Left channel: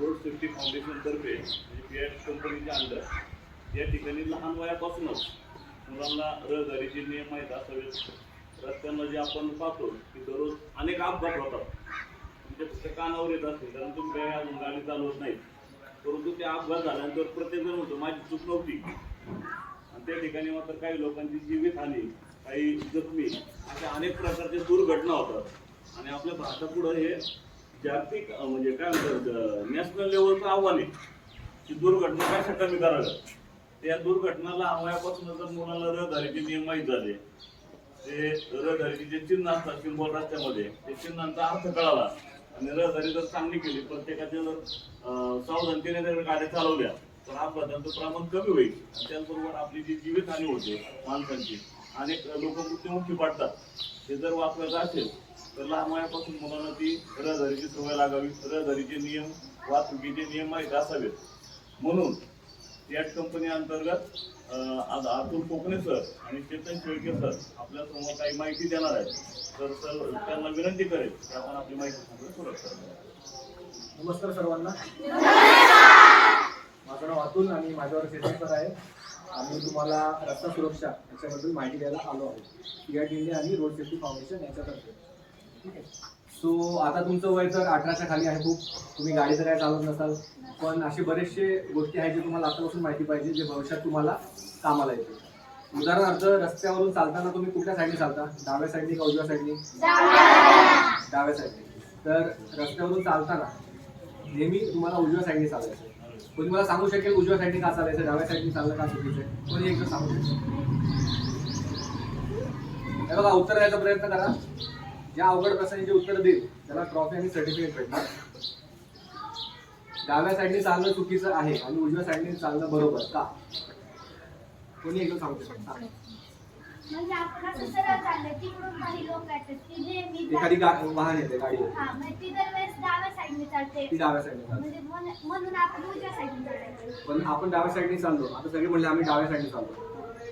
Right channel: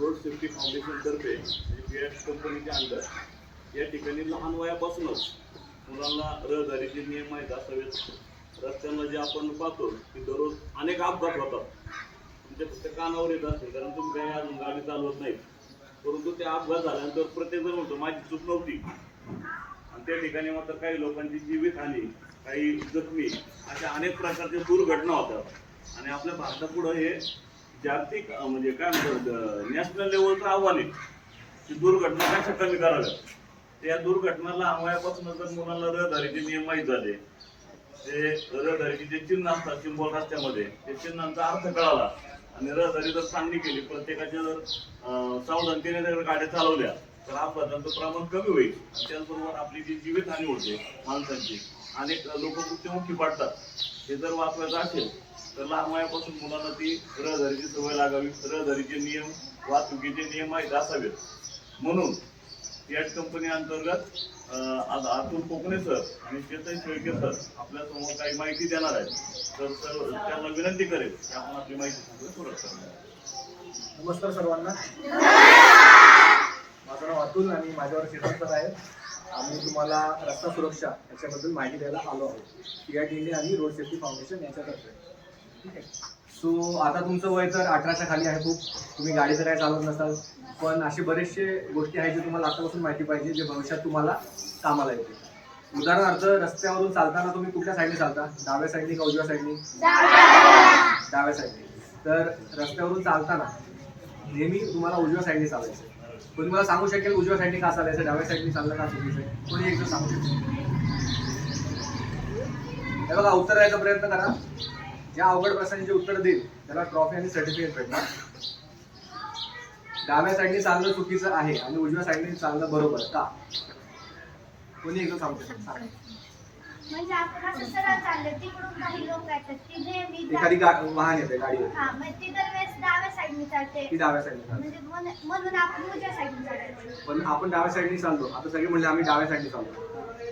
Road safety foundation तर्फे B.Ed कंपनीच्या under या ठिकाणी लहान वयापासूनच मुलांना रहदारीचे नियम माहीत असावेत. रस्त्यांना जे आपण पाहतो की दररोज अनेक अपघात होतात. तुमच्या फक्त कानावर येत असते कारण तुम्ही काही अजून गाडी चालवत नाही, परंतु ते अपघात झाल्यानंतर प्रत्येकजण म्हणतो माझी चूक नव्हती. आणि त्या ठिकाणी मात्र काही लोकांची जीवितहानी, काही जखमी अशा अनेक प्रकारच्या दुर्घटना होतात. आणि आपल्या भारतापुढं हे जागतिक म्हणजे काय म्हणतात नॅशनल लेवलचं आव्हान आहे की दुर्घटना कशा कमी कराव्या. या दुर्घटनाला वयापासून जर मुलांना रहदारीचे नियम माहीत झाले, ते रहदारीचे जे चिन्ह असतात सिंबॉल रस्त्यामध्ये, ते चिन्हांचा अर्थ कळाला आणि रहदारी जर चांगली केली, प्रत्येकाच्या जर सावधानतेने जर गाड्या चालवल्या तर अपघातांचं प्रमाण कमी होईल. त्याचबरोबर आपली जी जीवितहानी होते माणसांची, अनेक लोक मृत्युमुखी पडतात, हे जर वाचवायचं असेल तर लहान वयापासून मुलांना ती रहदारीची सवय लागावी, रहदारीचे नियम, वाहतुकीचे नियम माहीत असावेत. म्हणून बीएड कंपनी अंतर्गत आज अतुल कोकणे सर आणि चेतन शेळके सर आपल्या समोर काही माहिती देणार आहेत. तर सर त्यांना विनंती करेल की आपण आपली माहिती सांगून सुरुवात करूया. नमस्कार सर्वांना. माझं नाव अतुल आणि माझ्यावर चेतन सर आहे. आम्ही तुम्हाला रस्ता सुरक्षा याच्याबद्दल माहिती द्यायला आलो आहोत बीएड इंडिया आणि रोड सेफ्टी फाउंडेशन यांच्यातर्फे. ठीक आहे. सो आता तुमचं वय तर 18च्या खाली आहे. खूप तुम्ही गाडी तर काय चालवत नसाल, पण असे बरेचसे गोष्टी आहेत जे तुम्हाला आतापासून माहिती पाहिजे, जे भविष्यात तुम्हाला कामाला येते. उदाहरणार्थ रस्त्यावरून चालताना तुम्ही कुठल्या साईडने चालता? डाव्या साईडने का उजव्या साईडने? डाव्या साईडने. तर रस्त्यावरून चालताना नेहमी तुम्हाला उजव्या साईडने चालायचं. कोणी मला सांगू शकेल उजव्या साईडने का चालायचं, डाव्या साईडने चाललं का चुकीचं आहे? कोणी एकजण सांगू शकेल? हे बघा, उत्तर द्यायचा प्रयत्न करा. ज्या अवघड प्रश्नांची जे उत्तर देईल त्याला ट्रॉफी आणि सर्टिफिकेट भेटणार. डाव्या साईडने चालणं चुकीचं आहे आणि उजव्या साईडने चालणं बरोबर का? कोणी एकदा सांगू शकतो? म्हणजे आपण असं सरळ चाललं, तिकडून काही लोक येतात की नेहमी एखादी वाहन येते, गाडी येते, हा, मग ती दरवेळेस डाव्या साईडने चालते, ती डाव्या साईडने चालते. म्हणजे म्हणून आपण उजव्या साईडने चालायचं. पण आपण डाव्या साईडने चाललो. आता सगळे म्हणले आम्ही डाव्या साईडने चाललो,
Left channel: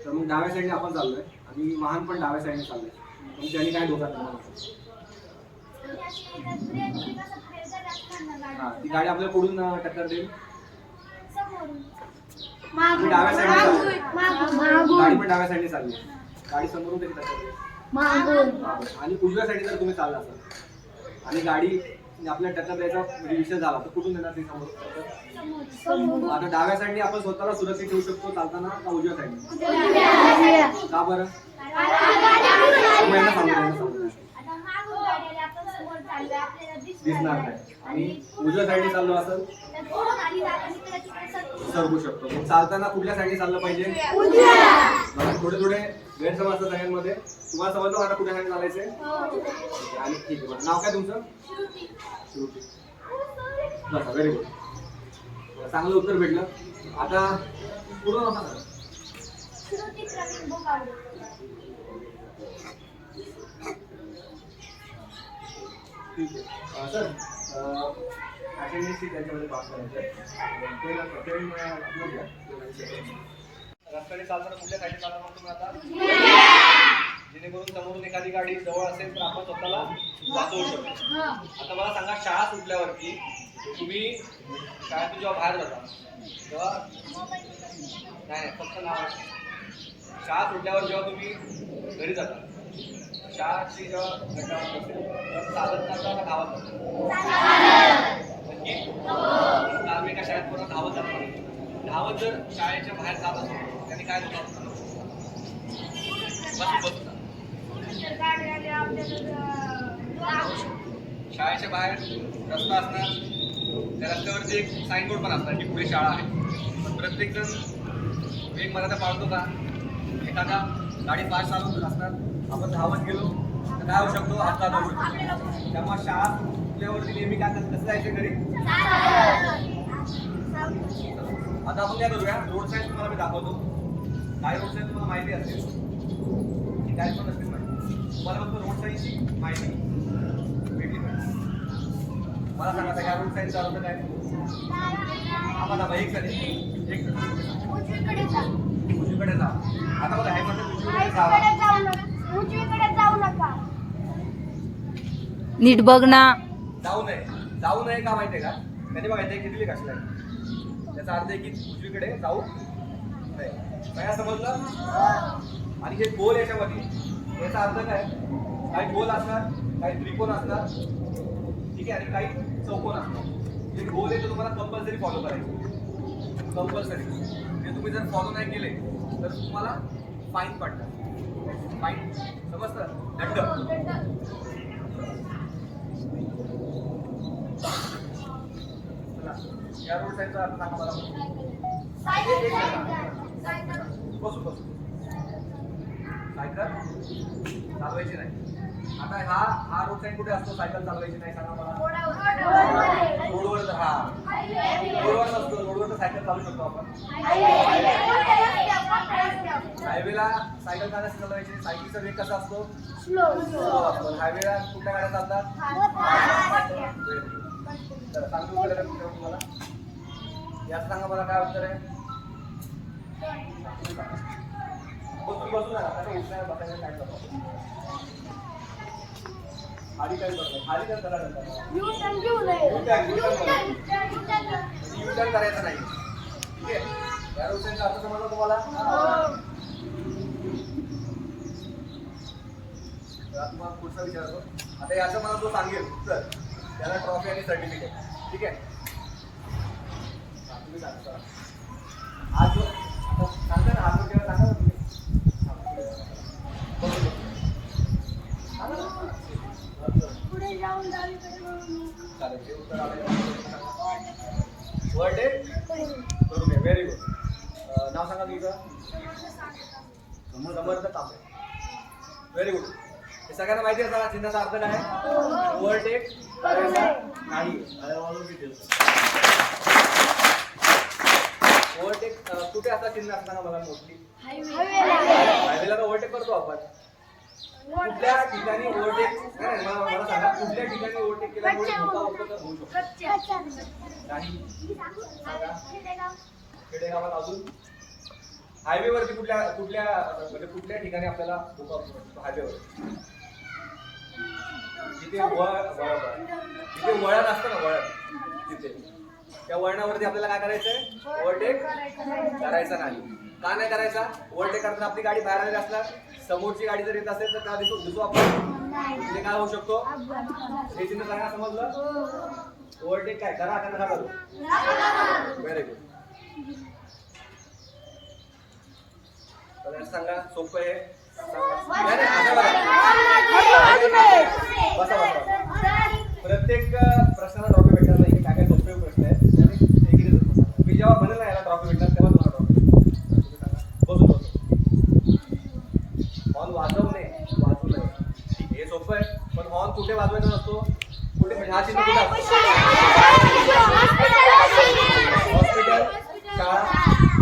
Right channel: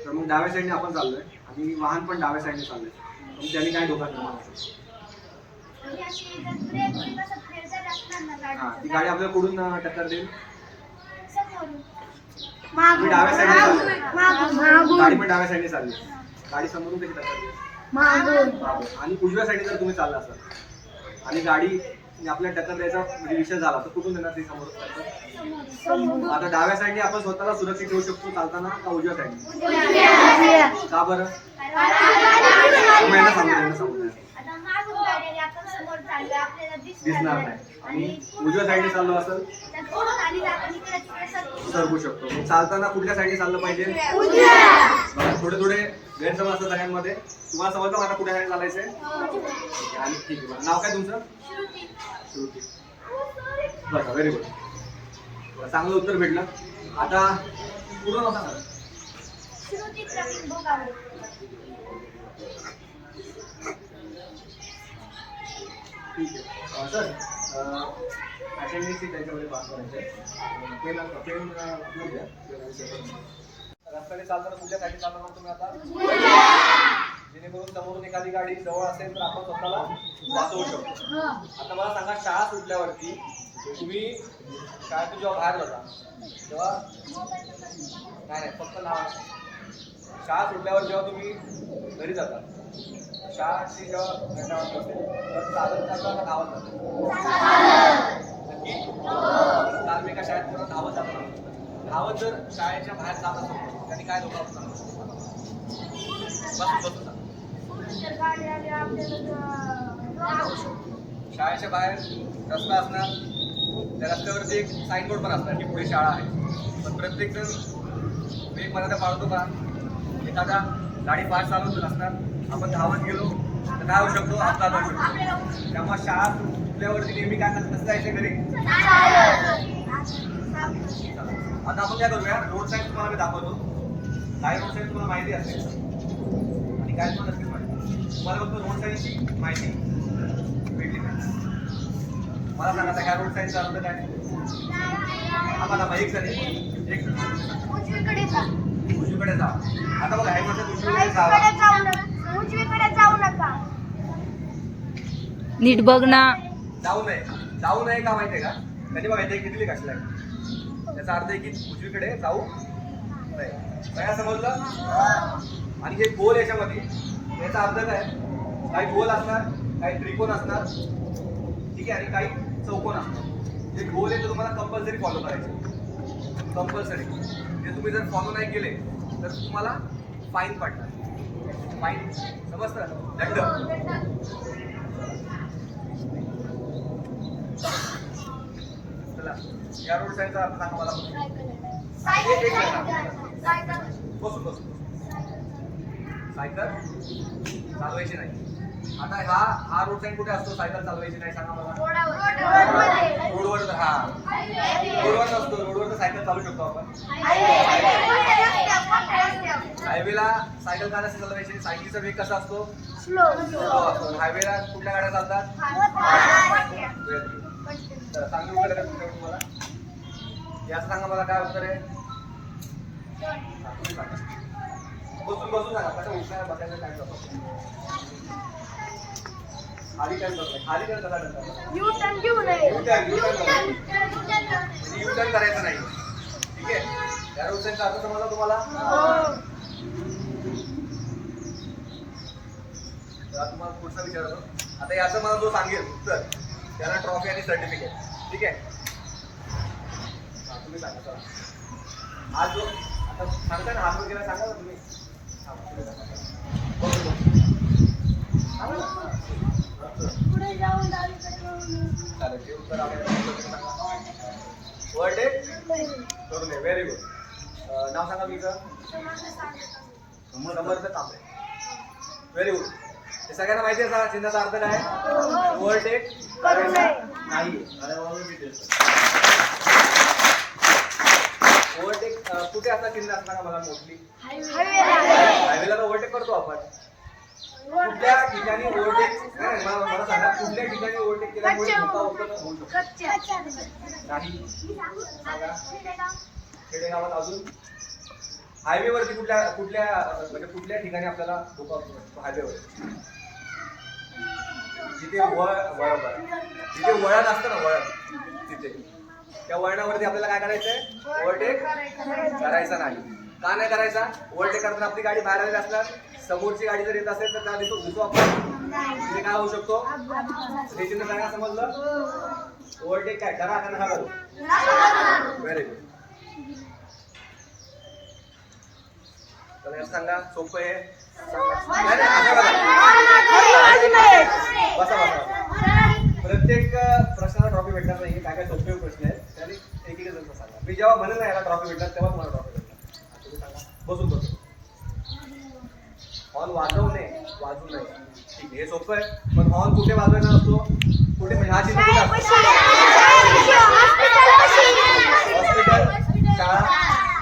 तर मग डाव्या साईडने आपण चाललोय आणि वाहन पण डाव्या साईडने चाललंय, मग त्यांनी काय धोका निर्माण होतो? म्हणजे अशी जर ब्रेक बिक असं फिरत असणार ना ती गाडीचं, गाडी आपल्याला कुठून टक्कर देईल? समोरून तुम्ही डाव्या साईडने चालले, मागून गाडी पण डाव्या साईडने चालली, गाडी समोरून कशी टक्कर देईल? मागून. आणि उजव्या साईडने जर तुम्ही चालला असाल आणि गाडी आपल्याला टक्कर द्यायचा म्हणजे विषय झाला तर कुठून देणार ती समोर टक्कर? आता डाव्या साईडने आपण स्वतःला सुरक्षित ठेवू शकतो चालताना का उजव्या साईडने? का बरं? यांना सांगू द्या. आता मागून गाडी आली, आपण समोर चाललोय, आपल्याला दिसणार नाही. आणि उजव्या साईडने चाललो असेल तर पुढून आली तर आपण इकडे तिकडे सरकू शकतो. मग चालताना कुठल्या साईडने चाललं पाहिजे? बघा, थोडे गैरसमज असतात सगळ्यांमध्ये. तुम्हाला समजलं मला कुठल्या साईडने चालायचंय? आणि ठीक आहे. बरं, नाव काय तुमचं? श्रुती. बरं, व्हेरी गुड. चांगलं उत्तर भेटलं. आता पूर्ण नाव सांगा. श्रुती प्रवीण भोगावळे. ठीक आहे. सर, अटेंडन्स त्याच्यामध्ये पास करायचं. रस्त्याने चालताना कुठल्या साईडने चालणार मग तुम्ही आता? जेणेकरून समोरून एखादी गाडी जवळ असेल तर आपण स्वतःला वाचवू शकतो. आता मला सांगा, शाळा सुटल्यावरती तुम्ही शाळेतून जेव्हा बाहेर जाता तेव्हा नाही फक्त नाव. शाळा सुटल्यावर जेव्हा तुम्ही घरी जाता, शाळेची जेव्हा घटना असेल तेव्हा चालत जाता का धावत जाता? नक्की काल मी एका शाळेत पूर्ण धावत जातो. धावत जर शाळेच्या बाहेर जात असेल त्यांनी काय धोका होता? बसून शाळेच्या बाहेर रस्ता असणार, त्या रस्त्यावरती एक साईनबोर्ड पण असणार की पुढे शाळा आहे. पण प्रत्येक जण वेग मर्यादा पाळतो का? एखादा गाडी फास्ट चालवत असणार, आपण धावत गेलो तर काय होऊ शकतो? अपघात होऊ शकतो. त्यामुळे शाळा सुटल्यावरती नेहमी काय करतात? कसं जायचं घरी? आता आपण काय करूया, रोड साईड तुम्हाला मी दाखवतो. काय रोड साईड तुम्हाला माहिती असेल आणि काय पण नसेल माहिती. तुम्हाला फक्त रोड साईडची माहिती भेटली पाहिजे. मला सांगा आता काय रोड साईड चालवतं काय? आम्हाला एक जण उजवीकडे जा. उजवीकडे जा. आता बघा हे म्हणतात उजवीकडे जाऊ नका. नीट बघ ना. जाऊ नये का माहितीये का? त्याने बघा इथे किती लिक असलाय, त्याचा अर्थ आहे की उजवीकडे जाऊ नाही. काय समजलं? आणि हे गोल याच्यामध्ये याचा अर्थ काय, काही गोल असणार, काही त्रिकोण असणार, ठीक आहे, आणि काही चौकोन असणार. जे गोल आहे ते तुम्हाला कंपल्सरी फॉलो करायचे, कंपल्सरी. ते तुम्ही जर फॉलो नाही केले तर तुम्हाला फाईन पडणार. फाईन समजतं, दंड. चला या रोड साईडचा अर्थ सांगा मला. बसून बसून सायकल चालवायची नाही. आता हा रोड साईड कुठे असतो? सायकल चालवायची नाही सांगा मला. रोडवर. हा रोडवर नसतो, रोडवर तर सायकल चालू शकतो आपण. हायवेला सायकल का नसते चालवायची? सायकलीचा वेग कसा असतो? स्लो असतो. हायवेला कुठल्या गाड्या चालतात? चांगली उत्तर आहे तुम्हाला. याचं सांगा मला काय उत्तर आहे? बसून बसून सांगा. कसं उठण्या बसायचं काय करतो? खाली काय करतो? खाली काय करा U-turn घेऊ नये. U-turn करायचं नाही. ठीक आहे, या रोडचा अर्थ समजला तुम्हाला? तुम्हाला पुढचा विचारतो. आता याचं मला जो सांगेल उत्तर त्याला ट्रॉफी आणि सर्टिफिकेट. ठीक आहे, तुम्ही सांगा. चला हा जो आता सांगता ना, हात वगैरे सांगा ना तुम्ही. पुढे जाऊन डावीकडे वळून. चालेल, जे उत्तर आपल्याला सांगा. वर्ड आहे करून दे. Very good. नाव सांगा तुमचं? समर्थ कांबळे. Very good. हे सगळ्यांना माहिती आहे चिन्हाचा अर्थ काय? ओव्हरटेक करायचा नाही. ओव्हरटेक कुठे असता चिन्ह असताना मला मोस्टली हायवेला तर ओव्हरटेक करतो आपण. कुठल्या ठिकाणी ओव्हरटेक मला सांगा, कुठल्या ठिकाणी ओव्हरटेक केल्यामुळे धोका होऊ शकतो? नाही. खेडेगावात. अजून हायवेवरती कुठल्या म्हणजे कुठल्या ठिकाणी आपल्याला धोका होऊ शकतो? हायवेवर जिथे बरोबर जिथे वळण असतं ना, वळण तिथे त्या वळणावरती आपल्याला काय करायचंय? ओव्हरटेक करायचा नाही. का नाही करायचा? ओव्हरटेक करताना आपली गाडी बाहेर आलेली असणार, समोरची गाडी जर येत असेल तर त्या दिसतो आपण, तिथे काय होऊ शकतो? हे चिन्ह काय समजलं? ओव्हरटेक काय करा का नका करू? Very good. सांगा, सोपं आहे. बसा बसा. प्रत्येक प्रश्नाला ट्रॉफी भेटणार नाही. काय काय सोपे प्रश्न आहेत आणि एकीने जर सांगा. मी जेव्हा म्हणेल ना याला ट्रॉफी भेटणार तेव्हा मला ट्रॉफी भेटणार. तुम्ही सांगा. बसू बसू. हॉर्न वाजवू नये, वाजवू नये. हे सोपं आहे, पण हॉर्न कुठे वाजवायचा नसतो? कुठे म्हणजे हा चिन्ह कुठे असतो? हॉस्पिटल, शाळा.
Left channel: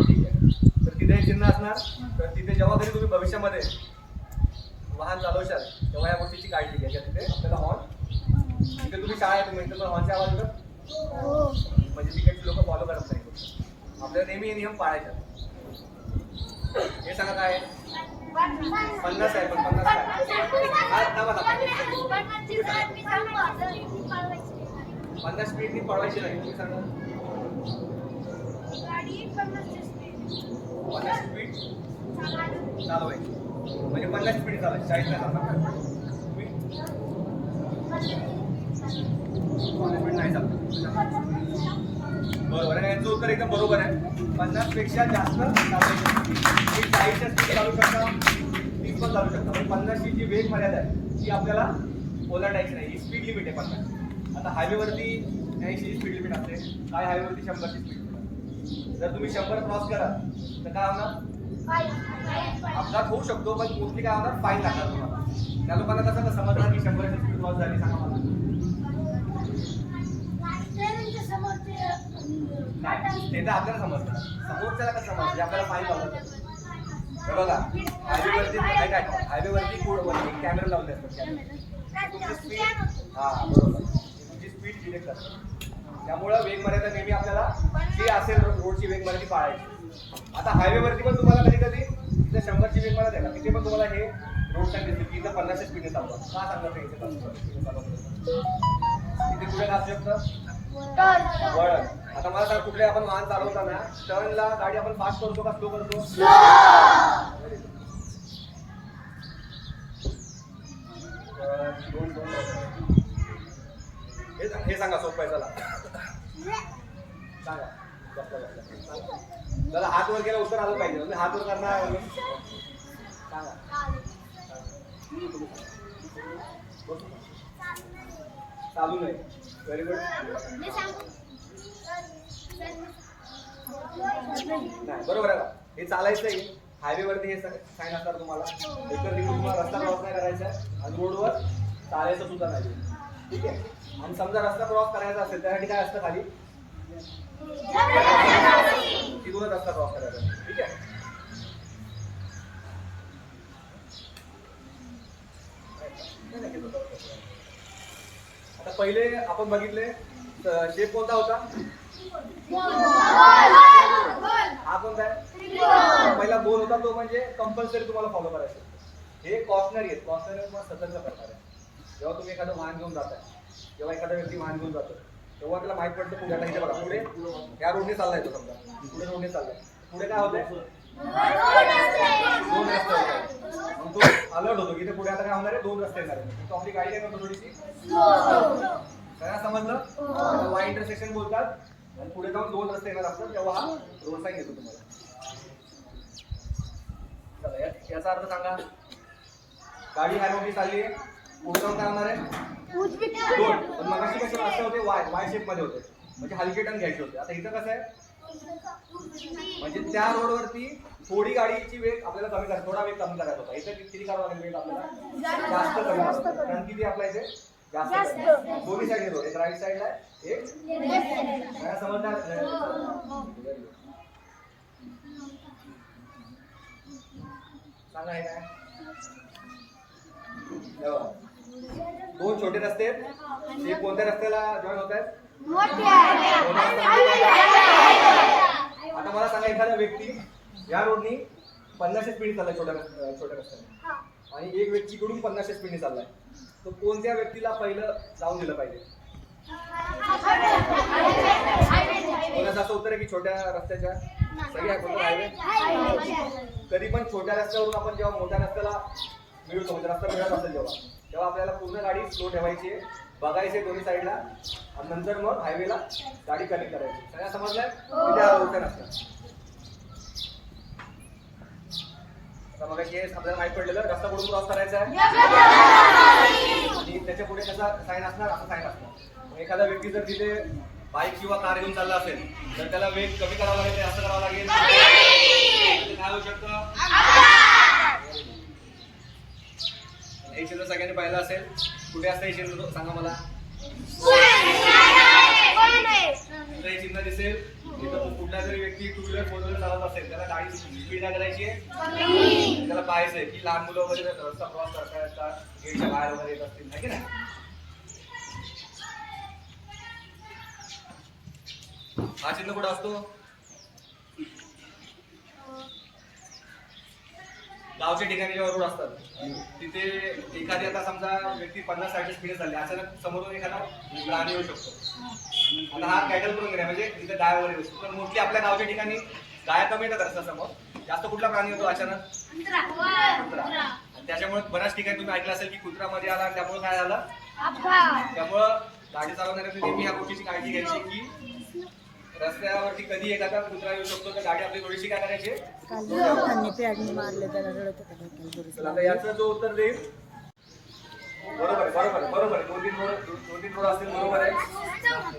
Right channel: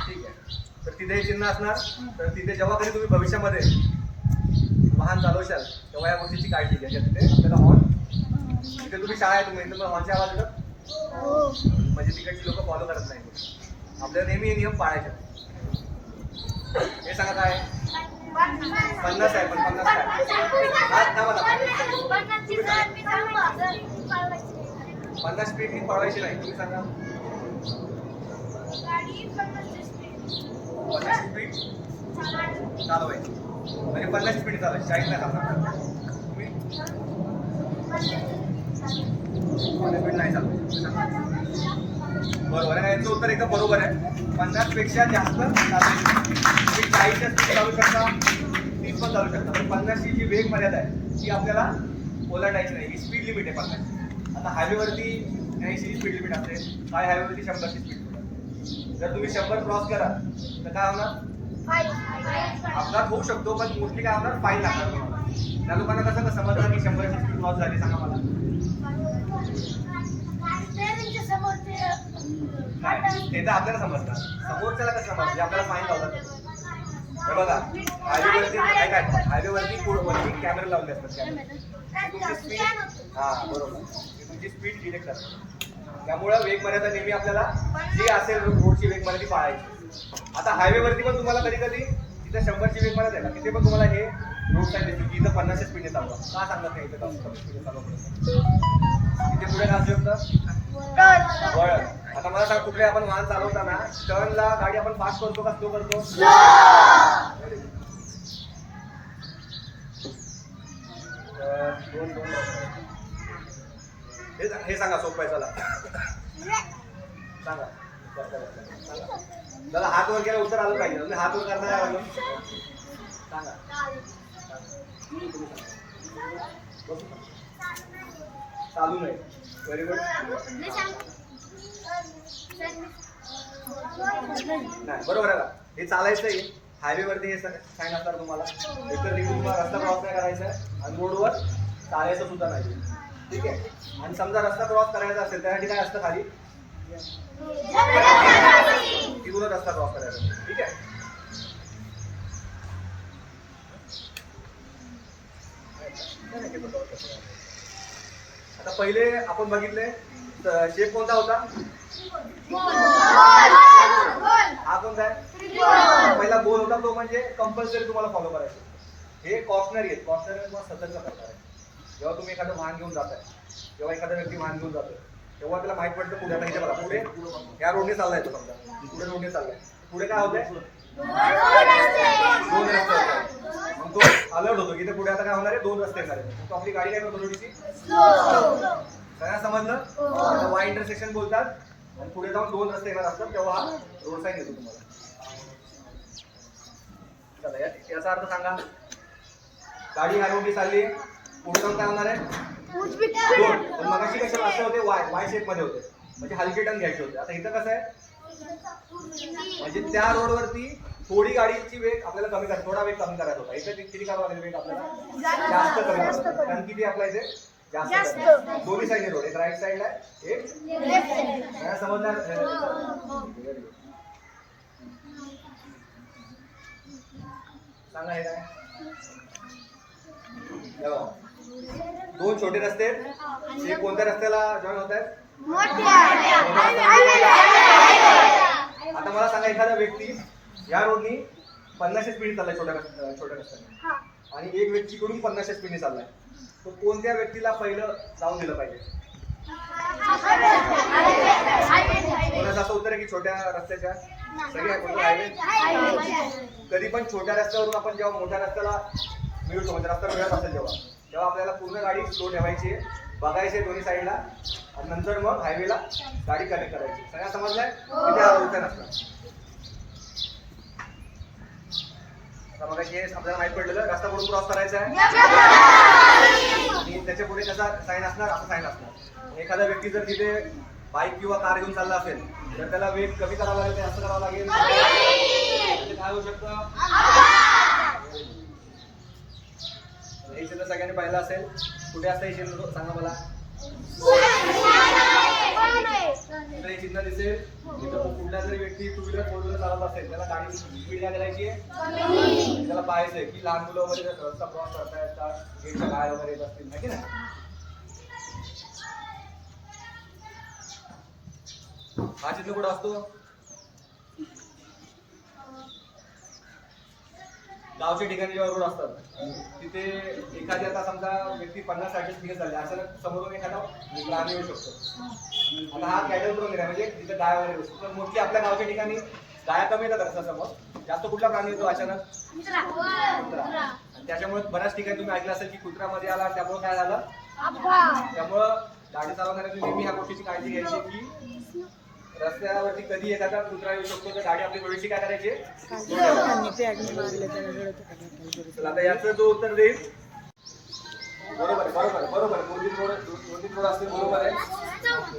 ठीक आहे, तर तिथे चिन्ह असणार. तर तिथे जेव्हा कधी तुम्ही भविष्यामध्ये वाहन चालवशाल तेव्हा या गोष्टीची काळजी घ्या. तिथे आपल्याला हॉर्न, तिथे तुम्ही शाळा आहे तुम्ही तर हॉर्नचे आवाज येतात म्हणजे तिकडची लोक फॉलो करत नाही. आपल्याला नेहमी हे नियम पाळायचे. हे सांगा काय? 50 आहे, पण 50 काय? हा थांबा थांबा. 50 स्पीड पळवायची नाही. तुम्ही सांगा. 50 स्पीड चालवायची म्हणजे 50 स्पीड चालवायची, 40 नाही चालणार. तुम्ही 50 स्पीड नाही चालवायची. बरोबर आहे, याचं उत्तर एकदम बरोबर आहे. 50 पेक्षा जास्त चालवायची. तुम्ही 40च्या स्पीड चालू शकता, 30 पण चालू शकता, पण 50 ची जी वेग मर्यादा आहे ती आपल्याला ओलांडायची नाही. ही स्पीड लिमिट आहे 50. आता हायवेवरती 80 स्पीड लिमिट असते, काय हायवेवरती 100 ची स्पीड. जर तुम्ही 100 क्रॉस करा तर काय होणार? अपघात होऊ शकतो, पण मोस्टली काय होणार? फाईन लागणार तुम्हाला. त्या लोकांना कसं समजणार की 100 ची स्पीड क्रॉस झाली? सांगा मला. नाही, ते तर आपल्याला समजतात, समोरच्याला कसं समजतं? जे आपल्याला फाईन लावतात. हे बघा, हायवेवरती काय काय हायवेवरती वरती कॅमेरे लावले असतात. तुमची स्पीड, हा बरोबर, तुमची स्पीड डिटेक्ट करतात. त्यामुळं वेग मर्यादा नेहमी आपल्याला जी असेल रोडची वेग मर्यादा पाळायची. आता हायवेवरती पण तुम्हाला कधी कधी तिथे 100 ची वेग मर्यादा आहे का? तिथे पण तुम्हाला हे रोड साईड दिसते की इथं 50 स्पीडने चालवा. का सांगत नाही इथे स्पीडने चालवा? तिथे पुढे काय असू शकतं? वळण. आता मला सांग, कुठले आपण वाहन चालवताना टर्नला गाडी आपण फास्ट करतो का स्लो करतो? Very good. दोन हे सांगा सोपं आहे. चला सांगा. सांगा. हात वर केला उत्तर आलं पाहिजे. हात वर करणार आहे म्हणून सांगा. तुम्ही सांगा. चालू नाही. Very good. नाही बरोबर आहे का? हे चालायचं आहे. हायवे वरती हे साईन असणार तुम्हाला. एकतर तिकडून तुम्हाला रस्ता क्रॉस नाही करायचा आहे आणि रोडवर चालायचं सुद्धा नाही. ठीक आहे. आणि समजा रस्ता क्रॉस करायचा असेल त्यासाठी काय असतं खाली? तिथूनच रस्ता क्रॉस करायचा. ठीक आहे. आता पहिले आपण बघितले शेप कोणता होता? हा कोणता आहे? पहिला गोल होता, तो म्हणजे कंपल्सरी तुम्हाला फॉलो करायचं. हे कॉशनरी आहेत. कॉशनरी तुम्हाला सतर्क करणार आहे. जेव्हा तुम्ही एखादं वाहन घेऊन जाताय, जेव्हा एखादा व्यक्ती वाहन घेऊन जातोय, तेव्हा त्याला माहित पडतं पुढे. आता इथे बघा, पुढे या रोडने चाललाय तो. समजा पुढे रोडने चाललाय, पुढे काय होतंय? दोन रस्ते होत. मग तो अलर्ट होतो की ते पुढे आता काय होणार आहे? दोन रस्ते येणार आहे. तो आपली गाडी काय करतो? थोडीशी काय समजलं? वाय इंटरसेक्शन बोलतात आणि पुढे जाऊन दोन रस्ते येणार असतात तेव्हा हा रोड साईन येतो तुम्हाला. चला याचा अर्थ सांगा. गाडी ह्या रोडने चालली आहे, पुढे जाऊन काय होणार आहे? दोन. पण मगाशी कशा रस्ते होते? वाय शेप मध्ये होते, म्हणजे हलके टर्न घ्यायचे होते. आता इथं कसं आहे? म्हणजे त्या रोडवरती थोडी गाडीची वेग आपल्याला कमी करायचा, थोडा वेग कमी करायचा होता. इथे किती करावं लागेल वेग आपल्याला? जास्त कमी करायचा. कारण किती आपल्या इथे जास्त. दोन्ही साईडने रोड, एक राईट साईडला आहे, एक लेफ्ट साईडला. समजणार? सांगा हे काय? दोन छोटे रस्ते आहेत. हे कोणत्या रस्त्याला जॉईन होत आहेत? आता मला सांगा, एखादा व्यक्ती या रोडनी 50 स्पीड चाललाय छोट्या रस्त्याने आणि एक व्यक्ती कडून 50 स्पीडने चाललाय, तो कोणत्या व्यक्तीला पहिलं जाऊन दिलं पाहिजे? कोणाचं असं उत्तर आहे की छोट्या रस्त्याच्या? सगळी आहे. कोणतं? हायवे. कधी पण छोट्या रस्त्यावरून आपण जेव्हा मोठ्या रस्त्याला मिळतो, म्हणजे रस्ता मिळत असेल तेव्हा आपल्याला पूर्ण गाडी स्लो ठेवायची आहे, बघायचे दोन्ही साईडला आणि नंतर मग हायवेला गाडी कनेक्ट करायची. सगळ्या समजलंय? तिथे उत्तर असणार. बघा हे आपल्याला माहित पडलेलं रस्ता कुठून क्रॉस करायचा आहे आणि त्याच्या पुढे कसा साईन असणार? असं साईन असणार. एखादा व्यक्ती जर तिथे बाईक किंवा कार घेऊन चालला असेल तर त्याला वेग कमी करावा लागेल, ते असं करावं लागेल. काय होऊ शकतं? हे चिन्ह सगळ्यांनी पाहिलं असेल. कुठे असतं हे चिन्ह? सांगा मला. हे चिन्ह दिसेल. तिथं कुठला जरी व्यक्ती टू व्हीलर फोर व्हीलर चालत असेल त्याला गाडी स्पीड काय करायची आहे? त्याला पाहायचंय की लहान मुलं वगैरे रस्ता क्रॉस करतायत का, गेटच्या बाहेर वगैरे येत असतील ना की नाही. हा चिन्ह कुठं असतो? गावच्या ठिकाणी जेव्हा रोड असतात तिथे एखादी, आता समजा व्यक्ती 50-60 स्पीड चालली, अचानक समोरून एखादा प्राणी येऊ शकतो. आता हा कॅटल करून गेला, म्हणजे तिथे गाय वगैरे येऊ शकतो. पण मोस्टली आपल्या गावच्या ठिकाणी गाया कमी येतात रस्त्यासमोर. जास्त कुठला प्राणी येतो अचानक? कुत्रा. आणि त्याच्यामुळे बऱ्याच ठिकाणी तुम्ही ऐकलं असेल की कुत्र्यामध्ये आला, त्यामुळे काय झालं? त्यामुळं गाडी चालवणाऱ्यांनी नेहमी ह्या गोष्टीची काळजी घ्यायची की रस्त्यावरती कधी एखादा कुत्रा येऊ शकतो, तर गाडी आपली थोडीशी काय करायची? आता याचं जो उत्तर देईल बरोबर आहे, बरोबर आहे, बरोबर आहे. दोन तीन रोड असतील, बरोबर आहे.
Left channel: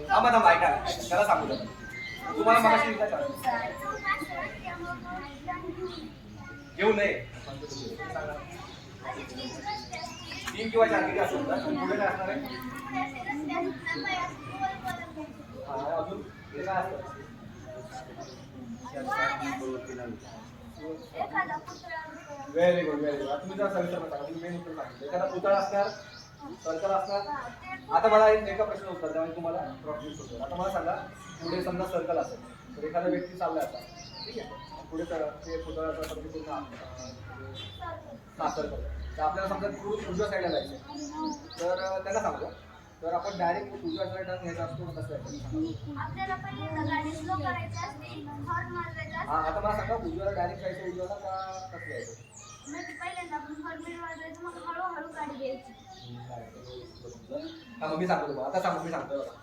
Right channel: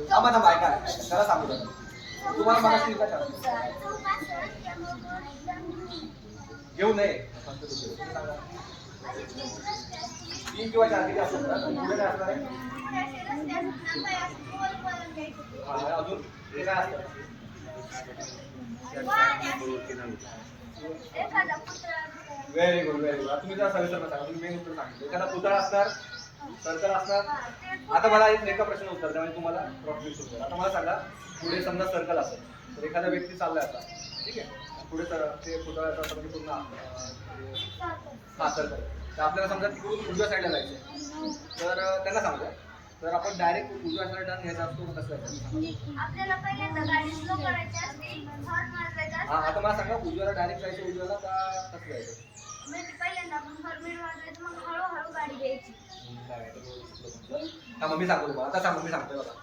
थांबा ऐका, त्याला सांगू द्या. तुम्हाला मगाशी घेऊ नये. 3 किंवा 4 किती असतात ना? पुढे काय असणार आहे? अजून हे काय असतं? Very good, very good. तुम्ही जरा सविस्तर सांगा. तुम्ही मेन उत्तर सांगितलं. एखादा पुतळा असणार, सर्कल असणार. आता मला एका प्रश्न उत्तर द्या, म्हणजे तुम्हाला क्रॉस उत्तर. आता मला सांगा, पुढे समजा सर्कल असेल तर एखादा व्यक्ती चाललाय आता, ठीक आहे, पुढे ते पुतळ्याचा म्हणजे पूर्ण सर्कल. तर आपल्याला समजा तिकडून उजव्या साईडला जायचं, तर त्यांना सांगूया तर आपण डायरेक्ट उजव्या साईड टर्न घ्यायचा असतो कसं आहे? आपल्याला पहिल्यांदा गाडी स्लो करायची असते, हॉर्न मारायचा हा असते. आता मला सांगा उजव्याला डायरेक्ट जायचं उजव्याला का कसं जायचं? म्हणजे पहिल्यांदा आपण हॉर्न वाजवायचं, मग हळूहळू गाडी घ्यायची. हा मग मी सांगतो तुम्हाला आता सांगू मी सांगतोय बघा.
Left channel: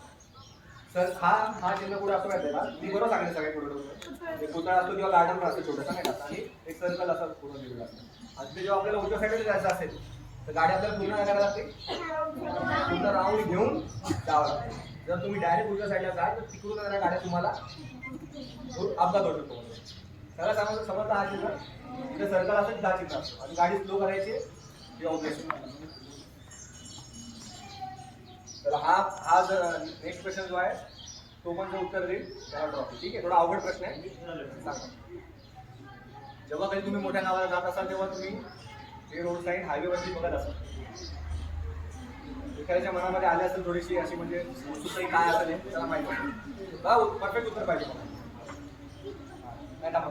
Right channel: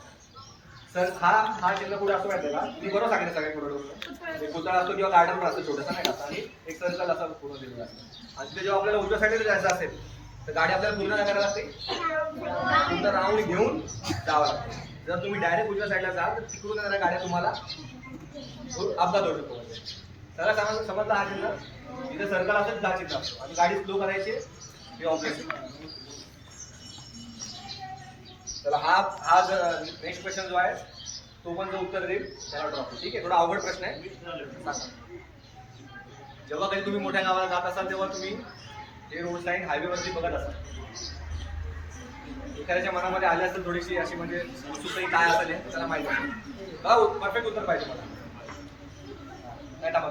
सर हा चिन्ह कुठे असतो माहिती आहे का? मी बरोबर सांगितलं सगळ्या पुढे एक पुतळा असतो किंवा गार्डन पण असतो छोटासा नाही का, आणि एक सर्कल असं पूर्ण दिलेलं असतं. आणि ते जेव्हा आपल्याला उजव्या साईडला जायचं असेल तर गाडी आपल्याला पूर्ण काय करायला लागते? पूर्ण राऊंड घेऊन जावं लागतं. जर तुम्ही डायरेक्ट उजव्या साईडला जाल तर तिकडून येणाऱ्या गाड्या तुम्हाला अपघात होऊ शकतो. म्हणजे सगळं समजलं हा चिन्ह. इथे सर्कल असेल हा चिन्ह असतो आणि गाडी स्लो करायची हे ऑब्जेक्ट. तर हा नेक्स्ट क्वेश्चन जो आहे तो पण जो उत्तर देईल त्याला ट्रॉफी. ठीक आहे, थोडा अवघड प्रश्न आहे. सांगा, जेव्हा कधी तुम्ही मोठ्या गावाला जात असाल तेव्हा तुम्ही हे रोड साईड हायवेवरती बघत असाल. एखाद्याच्या मनामध्ये आली असेल थोडीशी अशी म्हणजे उत्सुकता काय असेल हे त्याला माहिती आहे का? परफेक्ट उत्तर पाहिजे मला. काय टाका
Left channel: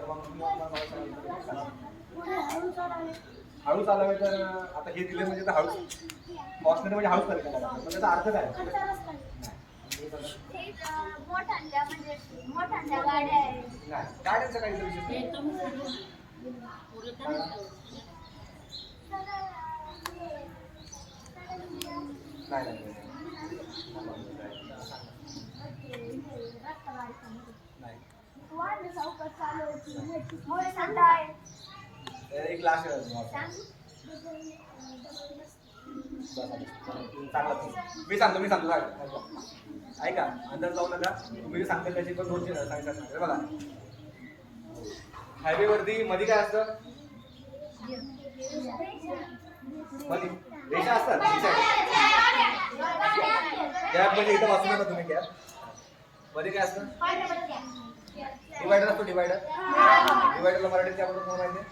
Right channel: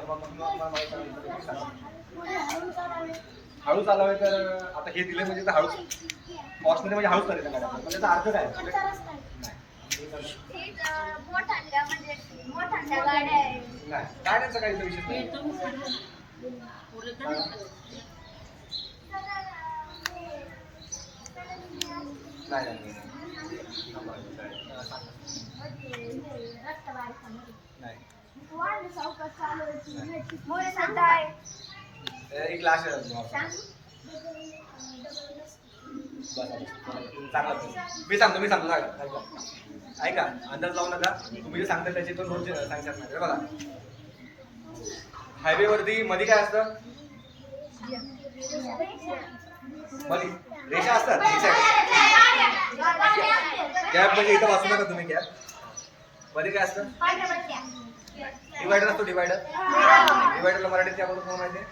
हळू चालवावे. तर आता हे दिले म्हणजे हळू कॉस्टमध्ये म्हणजे हळूच करायचं गाड्या. म्हणजे त्याचा अर्थ काय? मोठ्या गाड्या आहे. नाही, गाड्यांचा काही विषय नाही. एक लास्ट मी सांगतो ऐका, अंदाज लावू नका. तुम्ही जे सांगता त्याची पण रोज सांगतात नाही. बघा, हायवे वरती मध्ये काय असतं? मध्ये रेषा असतात. गॅप म्हणजे इथं वाचू नका तुम्ही. गॅप मध्ये काय असतं? डिवायडर असतो. डिवायडरला मराठीत त्याबद्दल तुम्हाला माहिती आहे?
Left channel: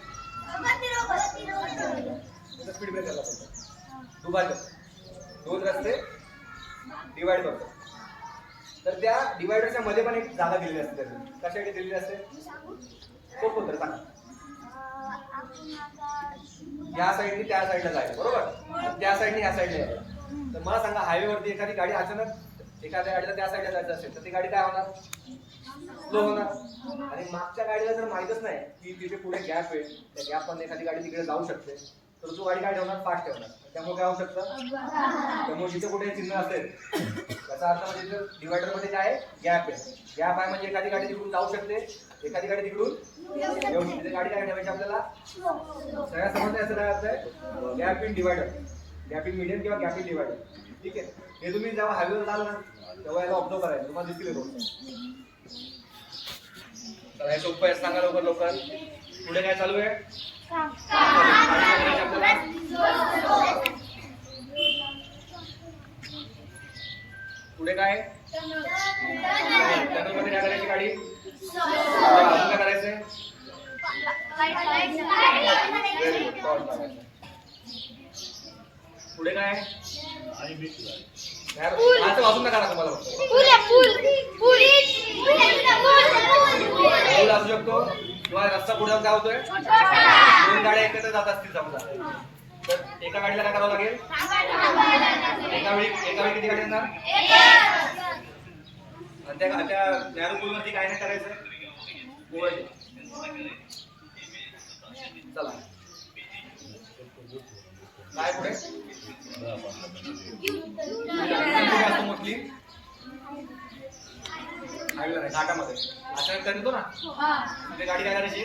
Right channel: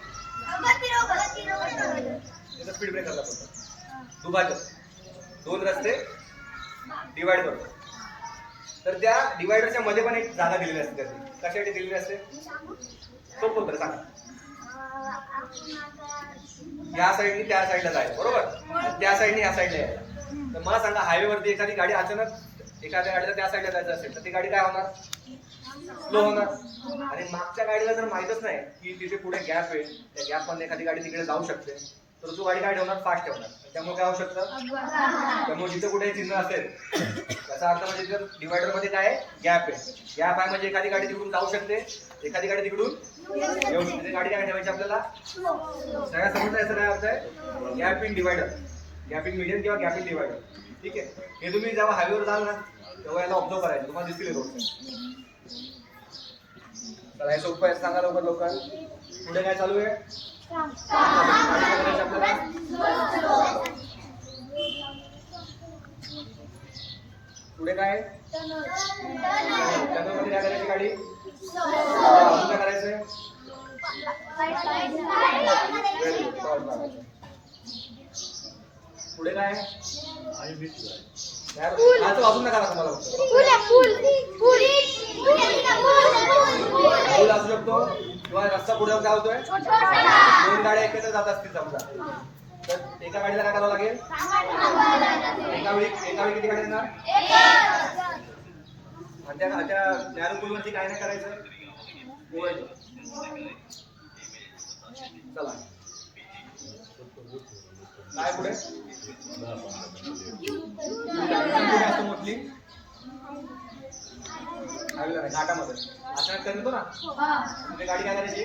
त्याचा स्पीड ब्रेकरला बोलतो. दुभाजक, दोन रस्ते डिवाइड करतो. तर त्या डिवायडरच्या मध्ये पण एक जागा दिलेली असते. त्याची कशासाठी दिलेली असते? सोपं उत्तर सांगा. या साईडनी त्या साईडला जायचं, बरोबर? त्या साईडनी ह्या साईडला यायचं. तर मला सांगा, हायवेवरती एखादी गाडी अचानक एखाद्या गाडीला त्या साईडला जायचं असेल तर ती गाडी काय होणार? स्लो होणार. आणि मागच्या गाडीला जर माहितच नाही की तिथे पुढे गॅप आहे, त्या गॅप मध्ये एखादी गाडी तिकडे जाऊ शकते, तर तो गाडी काय ठेवणार? फास्ट ठेवणार. त्यामुळे काय होऊ शकतं? त्यामुळे जिथे कुठे चिन्ह असेल त्याचा अर्थ म्हणजे जर डिवायडर मध्ये काय आहे? गॅप आहे. गॅप आहे म्हणजे एखादी गाडी तिकडून जाऊ शकते, एखादी गाडी तिकडून येऊ शकते. गाडी काय ठेवायची आपल्याला? सगळ्या समजतं याचा काय अर्थ आहे? Gap in divider, gap in medium किंवा गॅप इन डिवायडर. ठीक आहे, हे तुम्ही जेव्हा हायवेवर जाल ना तेव्हा याला ऑब्झर्व करायचं, तुम्हाला दिसतील रोड. तर हे सोपं आहे, सांगा लवकर. पुढे काय चालू आहे? पुढे काय? टनलमध्ये काय करायची गाडी? अजून काय करायचंय? पुढे काय? वाजून नका तुम्हाला पूल असू शकतो किंवा रस्ता पुढे जाऊन काय होतोय? दोन गाड्या एकत्र जात असतील समजा, तर एका गाडीला काय करावं लागेल? एका वेळी किती गाडी येणार? आणि त्या नॅरो पूलवरती काय नाही करायचं? चला काय पुढे? मोस्टली घाटामध्ये अचानक येतो ना, म्हणजे गाडी काय करायची?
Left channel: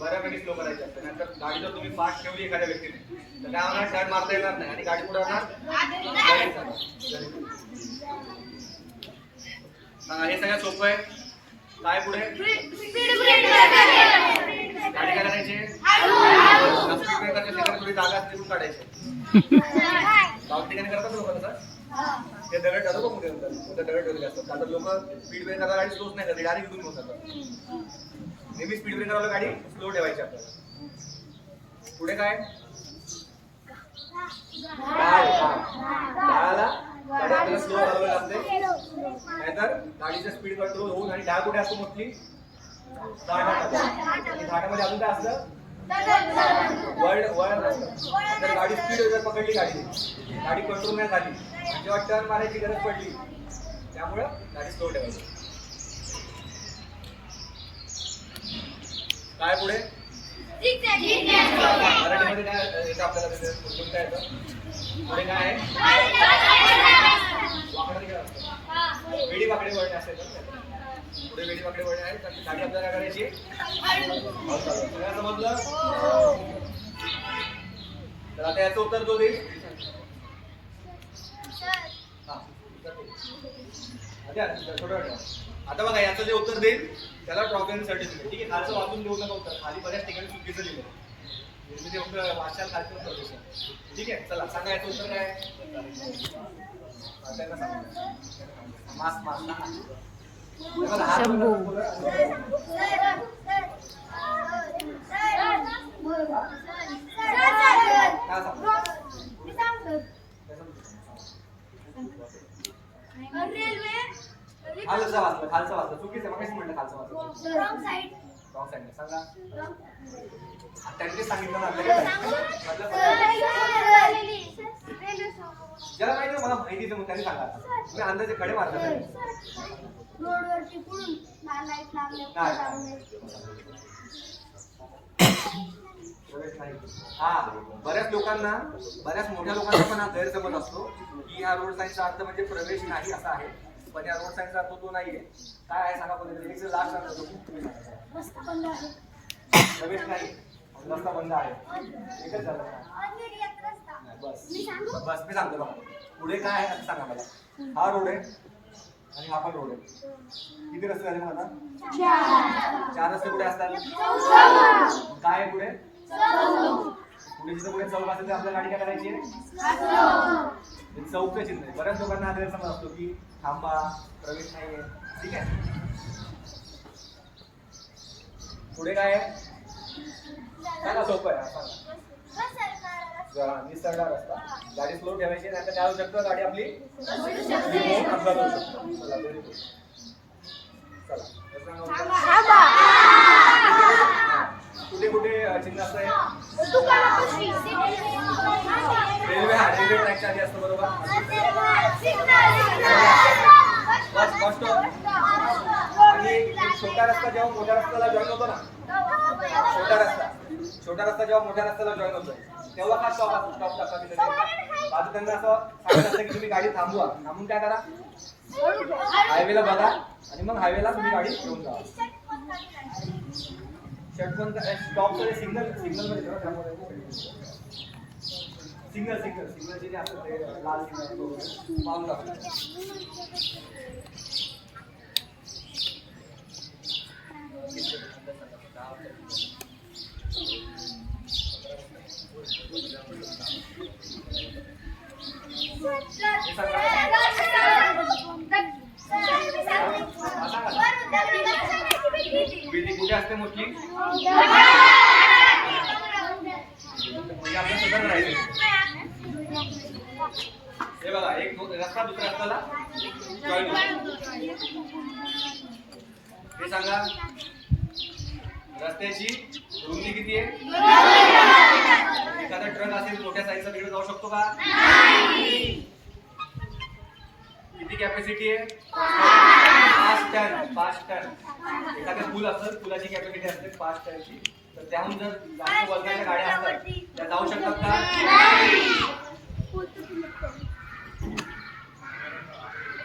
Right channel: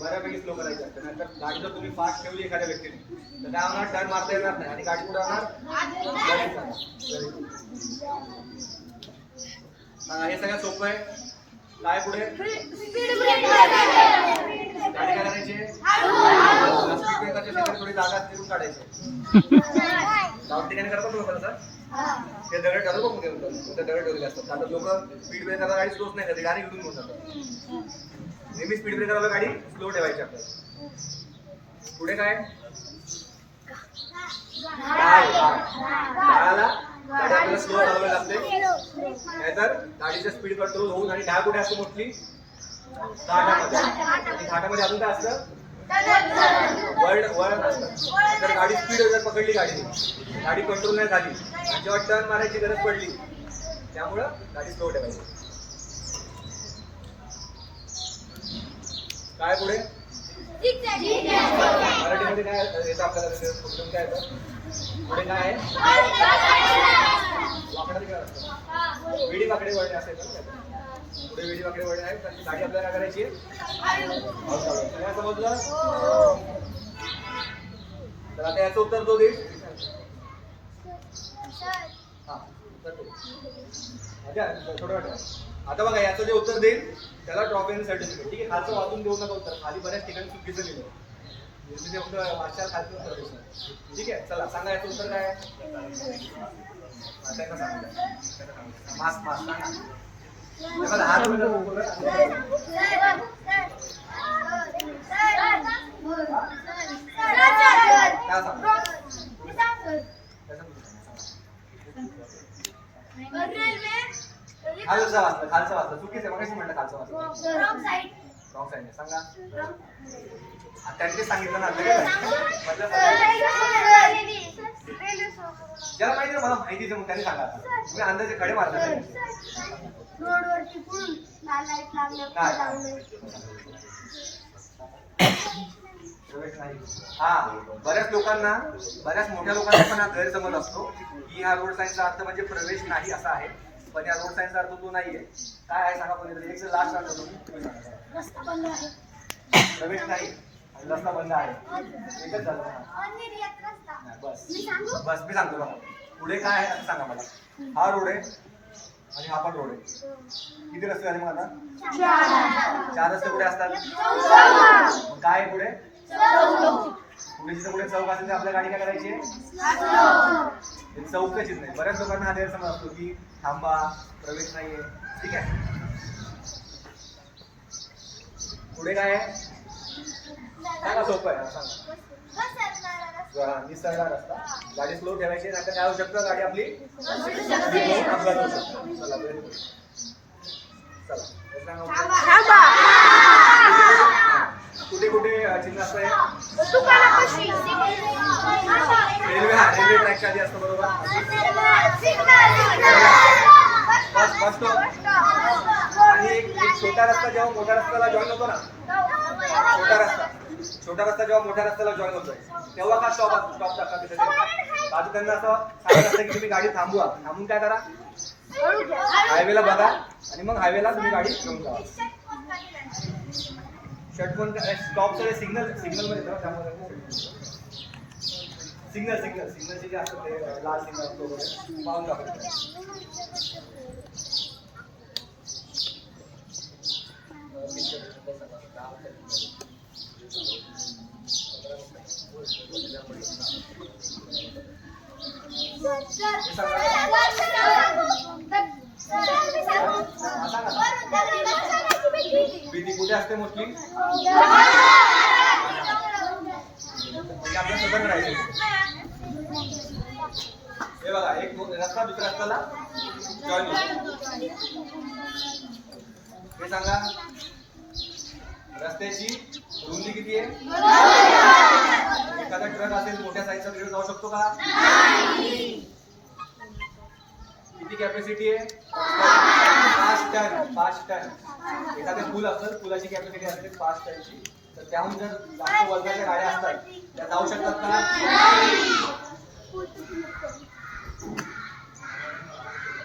बऱ्यापैकी स्लो करायची असते. नंतर गाडी जर तुम्ही फास्ट ठेवली एखाद्या व्यक्तीने तर काय होणार? टर्न मारता येणार नाही आणि गाडी पुढे होणार. हे सगळ्यात सोपं आहे. काय पुढे? गाडी काय करायची? स्पीड ब्रेकरच्या ठिकाणी थोडी जागा तिथून काढायची. गाव ठिकाणी करतात लोक तसं. ते दगड ठरवतो मग ते दगड ठेवलेले असतात. कारण लोक स्पीड ब्रेकरला गाडी स्लोच नाही करते, डायरेक्ट इकडून घेऊन जातात. नेहमी स्पीड ब्रेकरला गाडी स्लो ठेवायची आपल्याला. पुढे काय? डाळाला गाडी आपल्याला स्लो चालवावी लागते, नाहीतर गाडीचं स्पीड कंट्रोल होऊन. आणि डाळ कुठे असतो? मोठली घाटामध्ये. आणि घाटामध्ये अजून काय असतं? वळण असतं. जर गाडी स्पीड जर पकडली, गाडी कंट्रोल नाही झाली आणि जेव्हा टर्न मारायची गरज पडली त्यामुळं गाडी स्लो ठेवायची. काय पुढे मराठीमध्ये काय येतं आपल्याला पुढे काय येतं? पुढे काय आहे? वाकडा काय असतं? वेडी वाकडे वळणे असेल ना. पुढे वेडी वाकडे वळणे आहेत. गाडी आपल्याला काय करायची? काय समजलं? तर आता याचं उत्तर तो देईल. आता बघा याचं जे उत्तर देईल त्याला ट्रॉफी आणि सर्टिफिकेट. ठीक आहे, खालचं वाचून देऊ नका उत्तर. खाली बऱ्याच ठिकाणी चुकीचं लिहिलं. मी ते फक्त वाचाल खालचं उत्तर देतो. ठीक आहे, चला सांगा याचं उत्तर काय आहे? त्यांना सांगा. मास्क मास्क सांगा. हात खालचं वाचलं, खालचं वाचलं. चुकीचं आहे. मगाशी म्हटलं खालचं वाचलं. रॉंग साईड सांगा. त्यांनी सांगितलं ना ज्याला माहिती ना मला माहितीच मग त्यांनी सांगा. तुम्ही अंदाजे खडे मारता रोडवरती पुढून लाईट लागल्या हा. बऱ्याच लोकांना, बऱ्याच मोठ्या लोकांना पण हा गैरसमज असतो की हा रोड साईनचा अर्थ म्हणजे प्रवेश नाही असा आहे. पण या रोड साईनचा अर्थ तो नाहीये. काय आहे सांगा कोणीतरी. एक लास्ट अर्थ तुम्ही सांगा. रस्ता बंद आहे. प्रवेश नाही आणि रस्ता बंद आहे. एकच झालं. बस बस मी सांगतो बघा. पुढे काय आहे असं सांगा मला. हा रोड आहे आणि हा पण रोड आहे. किती रस्ते झाले मग आता? 4 रस्ते कुठे असतात? काय आहे पुढे? पुढे जिथं पुढे चौक असेल तर आपल्या गाडी काय करायची? चौकच नाही. बऱ्याच लोकांना हा गैरसमज असतो की थांबा, प्रवेश नाहीये. ठीक आहे, पुढे काय आहे सांगा. सोपं आहे सांगा. निसरणार रस्ता. गाडी स्लो ठेवायची नाही तर काय होऊ शकतं? गाडी आपली अपघात होऊ शकतो. चला व्हेरी गुड. चला कुठे कुठे चिन्ह असतं? रेल्वे, हा रेल्वे ट्रॅकच्या आधी असतं बरोबर. बस बस स्टॉप. आणि एक छोटा रस्ता जेव्हा मोठ्या रस्त्याला जॉईन होतो ना, छोटा रस्ता जेव्हा मोठ्या रस्त्याला जॉईन होतो तेव्हा का स्टॉप टाका तिथे. आता त्यांना असं सांगत असतं की तुम्ही गाडी थांबवा. थांबून काय करा? हायवेला बघा आणि मग हायवेला तुम्ही गाडी घेऊन जा. षटकोन स्टॉपचं सिग्नल मध्ये त्यामध्ये सिग्नलचे जे असतात ते लाल सिग्नल पाहून टाकतो. भीती कुठे असते मोठी? म्हणजे आपलं सतर्क राहायचं. हे बघा, एक रस्ता दुसऱ्या रस्त्याला जॉईन होतो. हे सांगा रस्त्याची रुंदी किती आहे? एखादा ट्रक असेल मोठ्या साईजचा तिकडे जाऊ शकतो का? किती कॅपॅसिटी आहे? 5 टन. एखादा पूल असेल, पुलाची कॅपॅसिटी असते 5 टनची. तर त्याहून जर जास्त वजनाच्या गाड्या असतात त्या जाऊ शकतात का?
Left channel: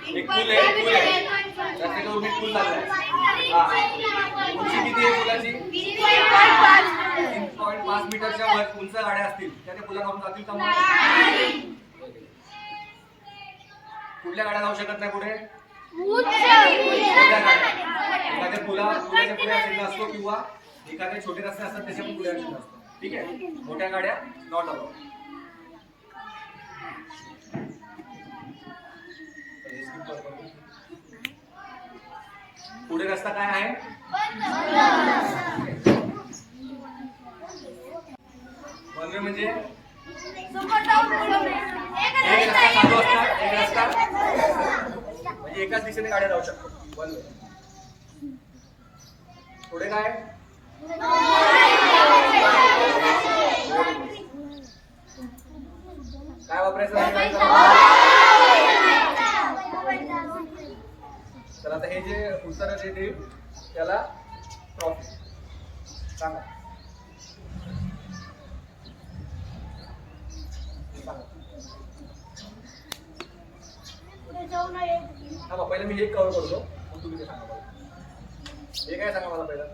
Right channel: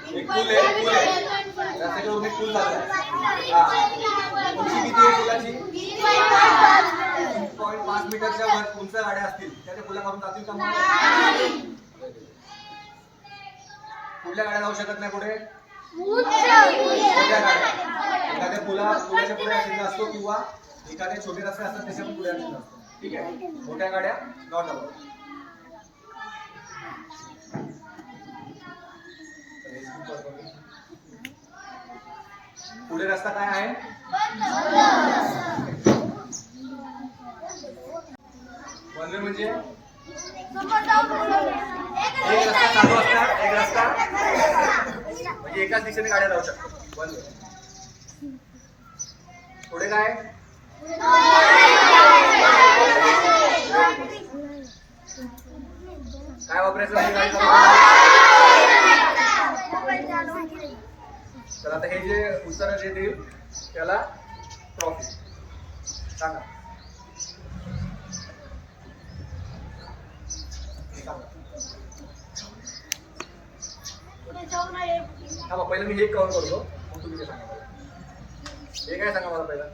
एक पूल आहे, रस्त्यावर एक पूल चाललाय. उंची किती आहे पुलाची? 3.5 मीटरच्या वर उंच गाड्या असतील त्या पुलावरून जातील का? कुठल्या गाड्या जाऊ शकत नाही पुढे? एखाद्या पुलाच्या पुढे चिन्ह असतो किंवा एखाद्या छोटे रस्ते असतात त्याच्या पण पुढे चिन्ह असतो. ठीक आहे, मोठ्या गाड्या नॉट अलाउड. पुढे रस्ता काय आहे? वन वे म्हणजे एक रस्ता चालू असणार, एक रस्ता म्हणजे एकाच दिशेने गाड्या जाऊ शकतात. One way. पुढे काय? काय वापरायचं? तर आता हे जे उत्तर जे देईल त्याला ट्रॉफी सांगा. पुढे जाऊ नये. हा पहिलं मी हे कव्हर करतो मग तुम्ही ते सांगा मला. हे काय सांगा मला पहिलं.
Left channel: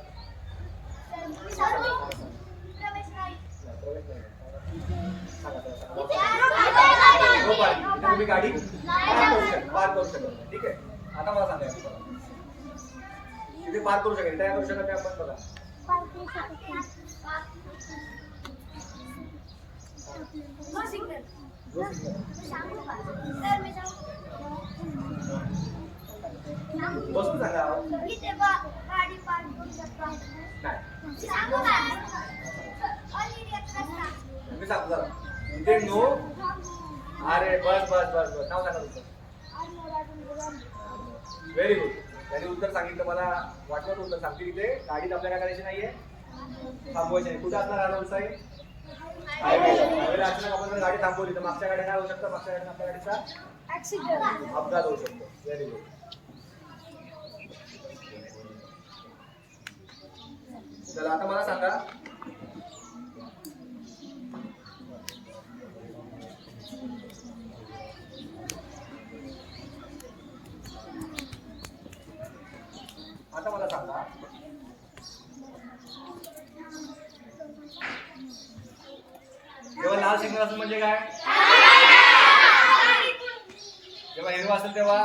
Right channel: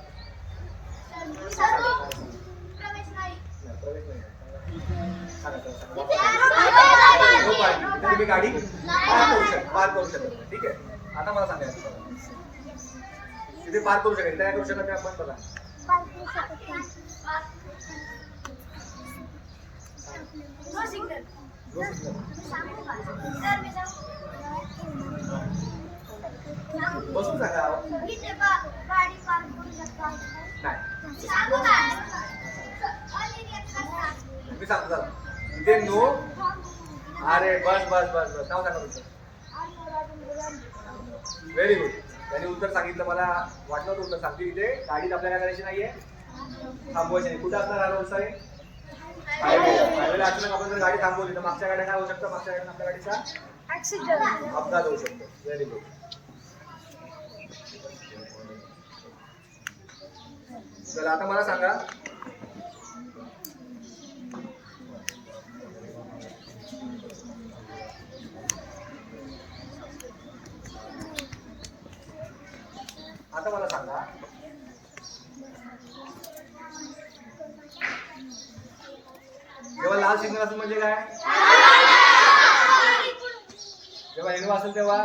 प्रवेश नाही. नाही, प्रवेश नाही. सांगा, सांगा. No parking. इथे तुम्ही गाडी पार्क करू शकत नाही. ठीक आहे. आता मला सांगायचं तिथे पार्क करू शकत. काय करू शकत नाही आपण बघा. No signal. No signal. सांगू का? तर मी सांगू. बसून सांगा. इथे गाडी पार्क करू शकतो. नाही सांगू का? अनिर्यात रस्ता. मी सांगतो जरा. इथे नो. अरे बस बस बस बस नाव सांगा तुमचं. Very good. त्यांनी उत्तर सांगितलं. मला वाटलं होतं उत्तर सांगतील. इथे गाडीत आपल्याला काय करायची नाहीये, थांबवायची नाही. कुठे असणार हा रोड साईड. हायवेला अचानक आपण जर गाडी थांबवली तर मागच्या गाड्या काय होऊ शकतं, मागच्या गाडीने आपल्या गाडीचा ऍक्सिडेंट. अपघात होऊ शकतो. Very good. चला आता मला सांगा, आता मला सांगा जेव्हा लाल सिग्नल असेल म्हणजे काय, जेव्हा हिरवा असेल तेव्हा,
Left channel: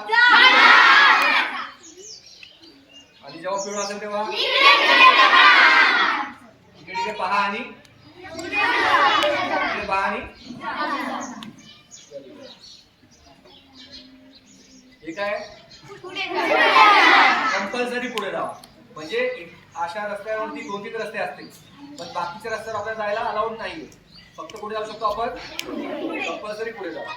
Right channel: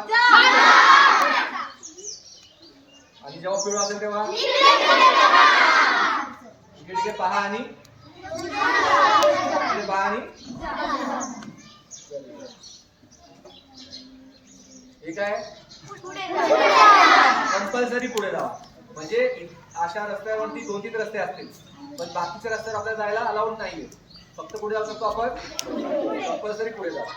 आणि जेव्हा पिवळा असेल तेव्हा इकडे पहा आणि इकडे पहा आणि हे काय कंपल्सरी पुढे जावा. म्हणजे अशा रस्त्यावरती 2-3 रस्ते असतील पण बाकीच्या रस्त्यावर आपल्याला जायला अलाउड नाहीये. फक्त पुढे जाऊ शकतो आपण, कंपल्सरी पुढे जावा.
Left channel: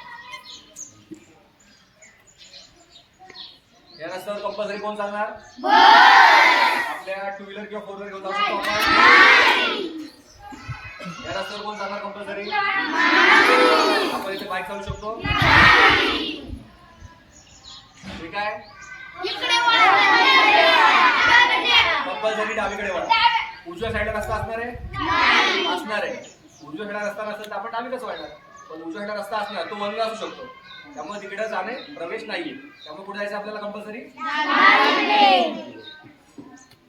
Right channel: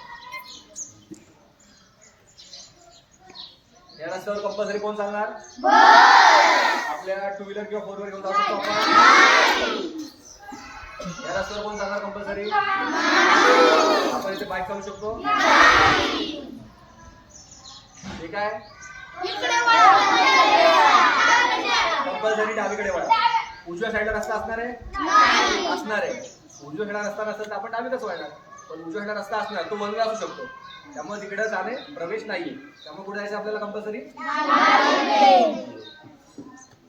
या रस्त्यावर कंपल्सरी कोण चालणार, आपल्या 2 व्हीलर किंवा 4 व्हीलर घेऊन जाऊ शकतो आपण. या रस्त्यावर कोण चालणार कंपल्सरी, आपण इथे बाईक चालू शकतो. ठीक आहे. कंपल्सरी डावीकडे वळा. उजव्या साईडला रस्ता असणार आहे, असणार आहे. उजव्या साईडला रस्ता नसेल तर आपण डावीकडे वळणार. पण उजव्या साईडला रस्ता असणार, तो वन वे असू शकतो. त्यामुळे तिकडे जाणे प्रवेश नाहीये. त्यामुळे कुठे जायचं आपल्याला कंपल्सरी.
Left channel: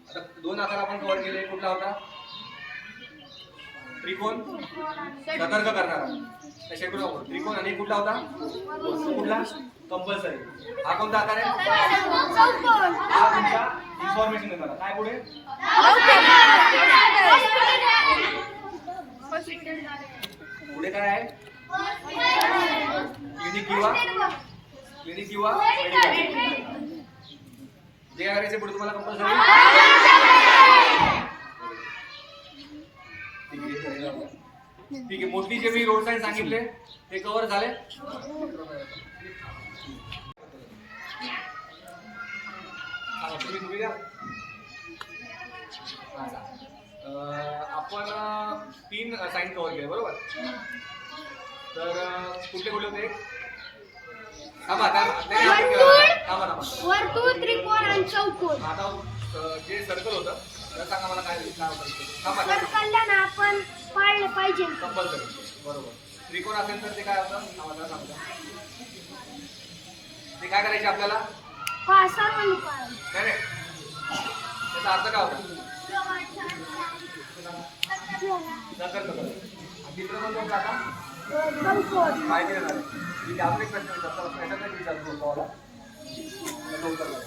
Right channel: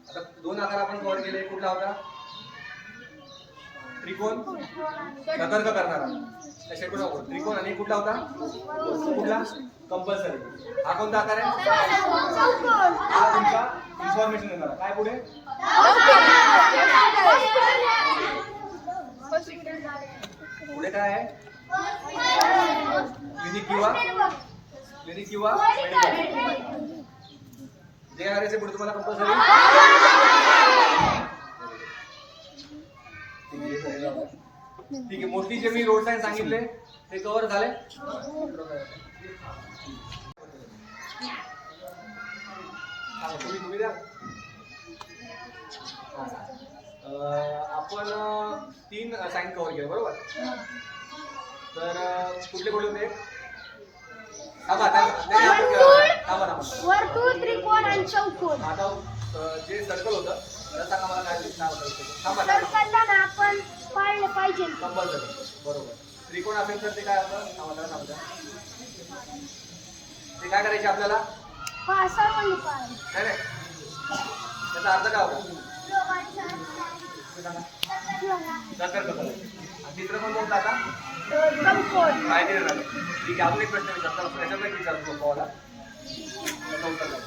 आता 2 आकार आपण कव्हर केले. कुठला होता, त्रिकोण सतर्क करणारा. त्रिकोण आणि कुठला होता, कुठला कंपल्सरी. हा कोणता आकार आहे, हा तुमचा इन्फॉर्मेशन देणारा. काय पुढे, पुढे काय आहे, क्लिनिक किंवा मेडिकल. जे काय करायचे पुढे तुम्हाला कंपल्सरी. ठीक आहे. मोस्टली जे मी रोड साईड सांगितले ते कव्हर झाले. तुम्ही द्या. आपण 3 साईन कव्हर केले बरोबर. तर कुठले कुठले होते, वर्तुळ, त्रिकोण आणि चौकोन. आता जे सर्कल होतं तर सांगा मला काय होतं. सर्कलला ना आपण पाळलं पाहिजे कंपल्सरी बरोबर. त्रिकोण असेल तर ते काय होतं, सांगा. ते काय करायचे आपल्याला, सर्वांनी पाळलं. नाही नाही, त्याचा अर्थ काय होता, सतर्क करायचं. आणि तिसरं पण कोणतं आता, माहिती देणार. ठीक आहे. अजून एक प्रश्न विचारतो, त्याच्यात एक विचारतो पवाला, त्याचं उत्तर द्या.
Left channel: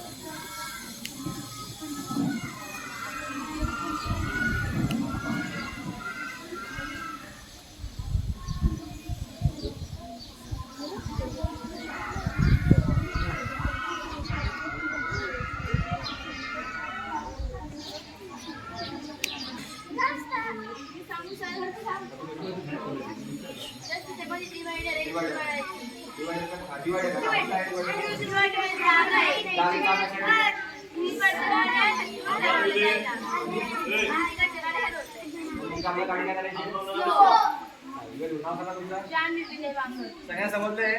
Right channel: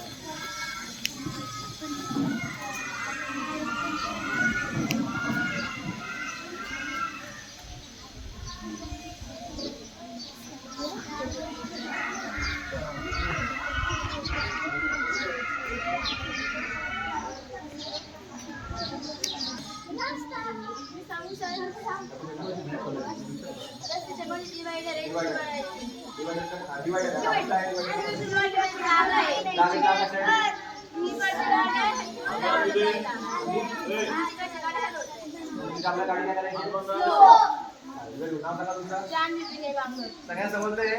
सगळ्या समजले.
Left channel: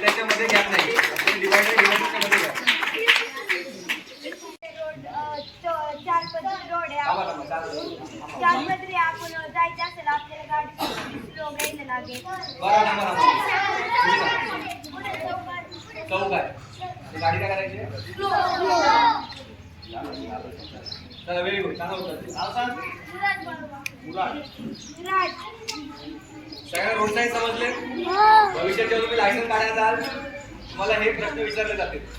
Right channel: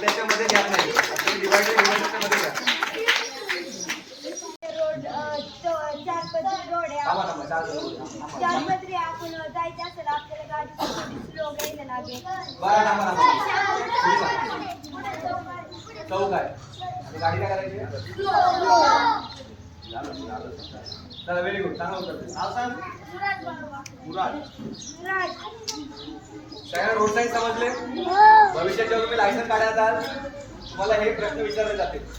त्याच्यामध्ये गॅप नाही, डिवायडर मध्ये घ्या. थांबा चालतं. त्यामध्ये आपण जायचं असेल आपल्याला गाडी स्लो घ्यायला लागेल. बरं थांबा. चौक आहे आणि गाडी काय करायची? चला व्हेरी गुड, चांगलं उत्तर. नाव सांग. मुराद. सगळ्यांना रोड साईड समजले? भविष्यात जेव्हा तुम्ही लायसन्स काढायला जाल तुम्हाला हे प्रश्न विचारले जातील.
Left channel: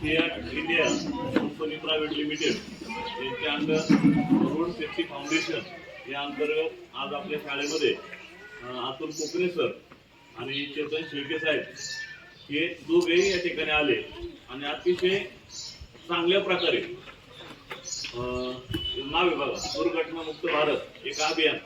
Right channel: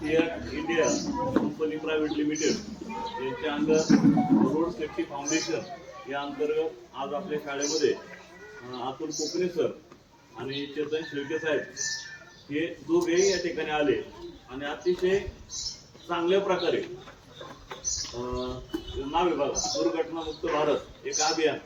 Fiat India company private limited यांच्या अंडर रोड सेफ्टी फाउंडेशन या अंतर्गत आज आपल्या शाळेमध्ये अतुल कोकणे सर आणि चेतन शेळके साहेब हे दोघेही या ठिकाणी आले आणि अतिशय चांगल्या प्रकारे नाव आहे बघा दुर्घटनामुक्त भारत एक अभियान.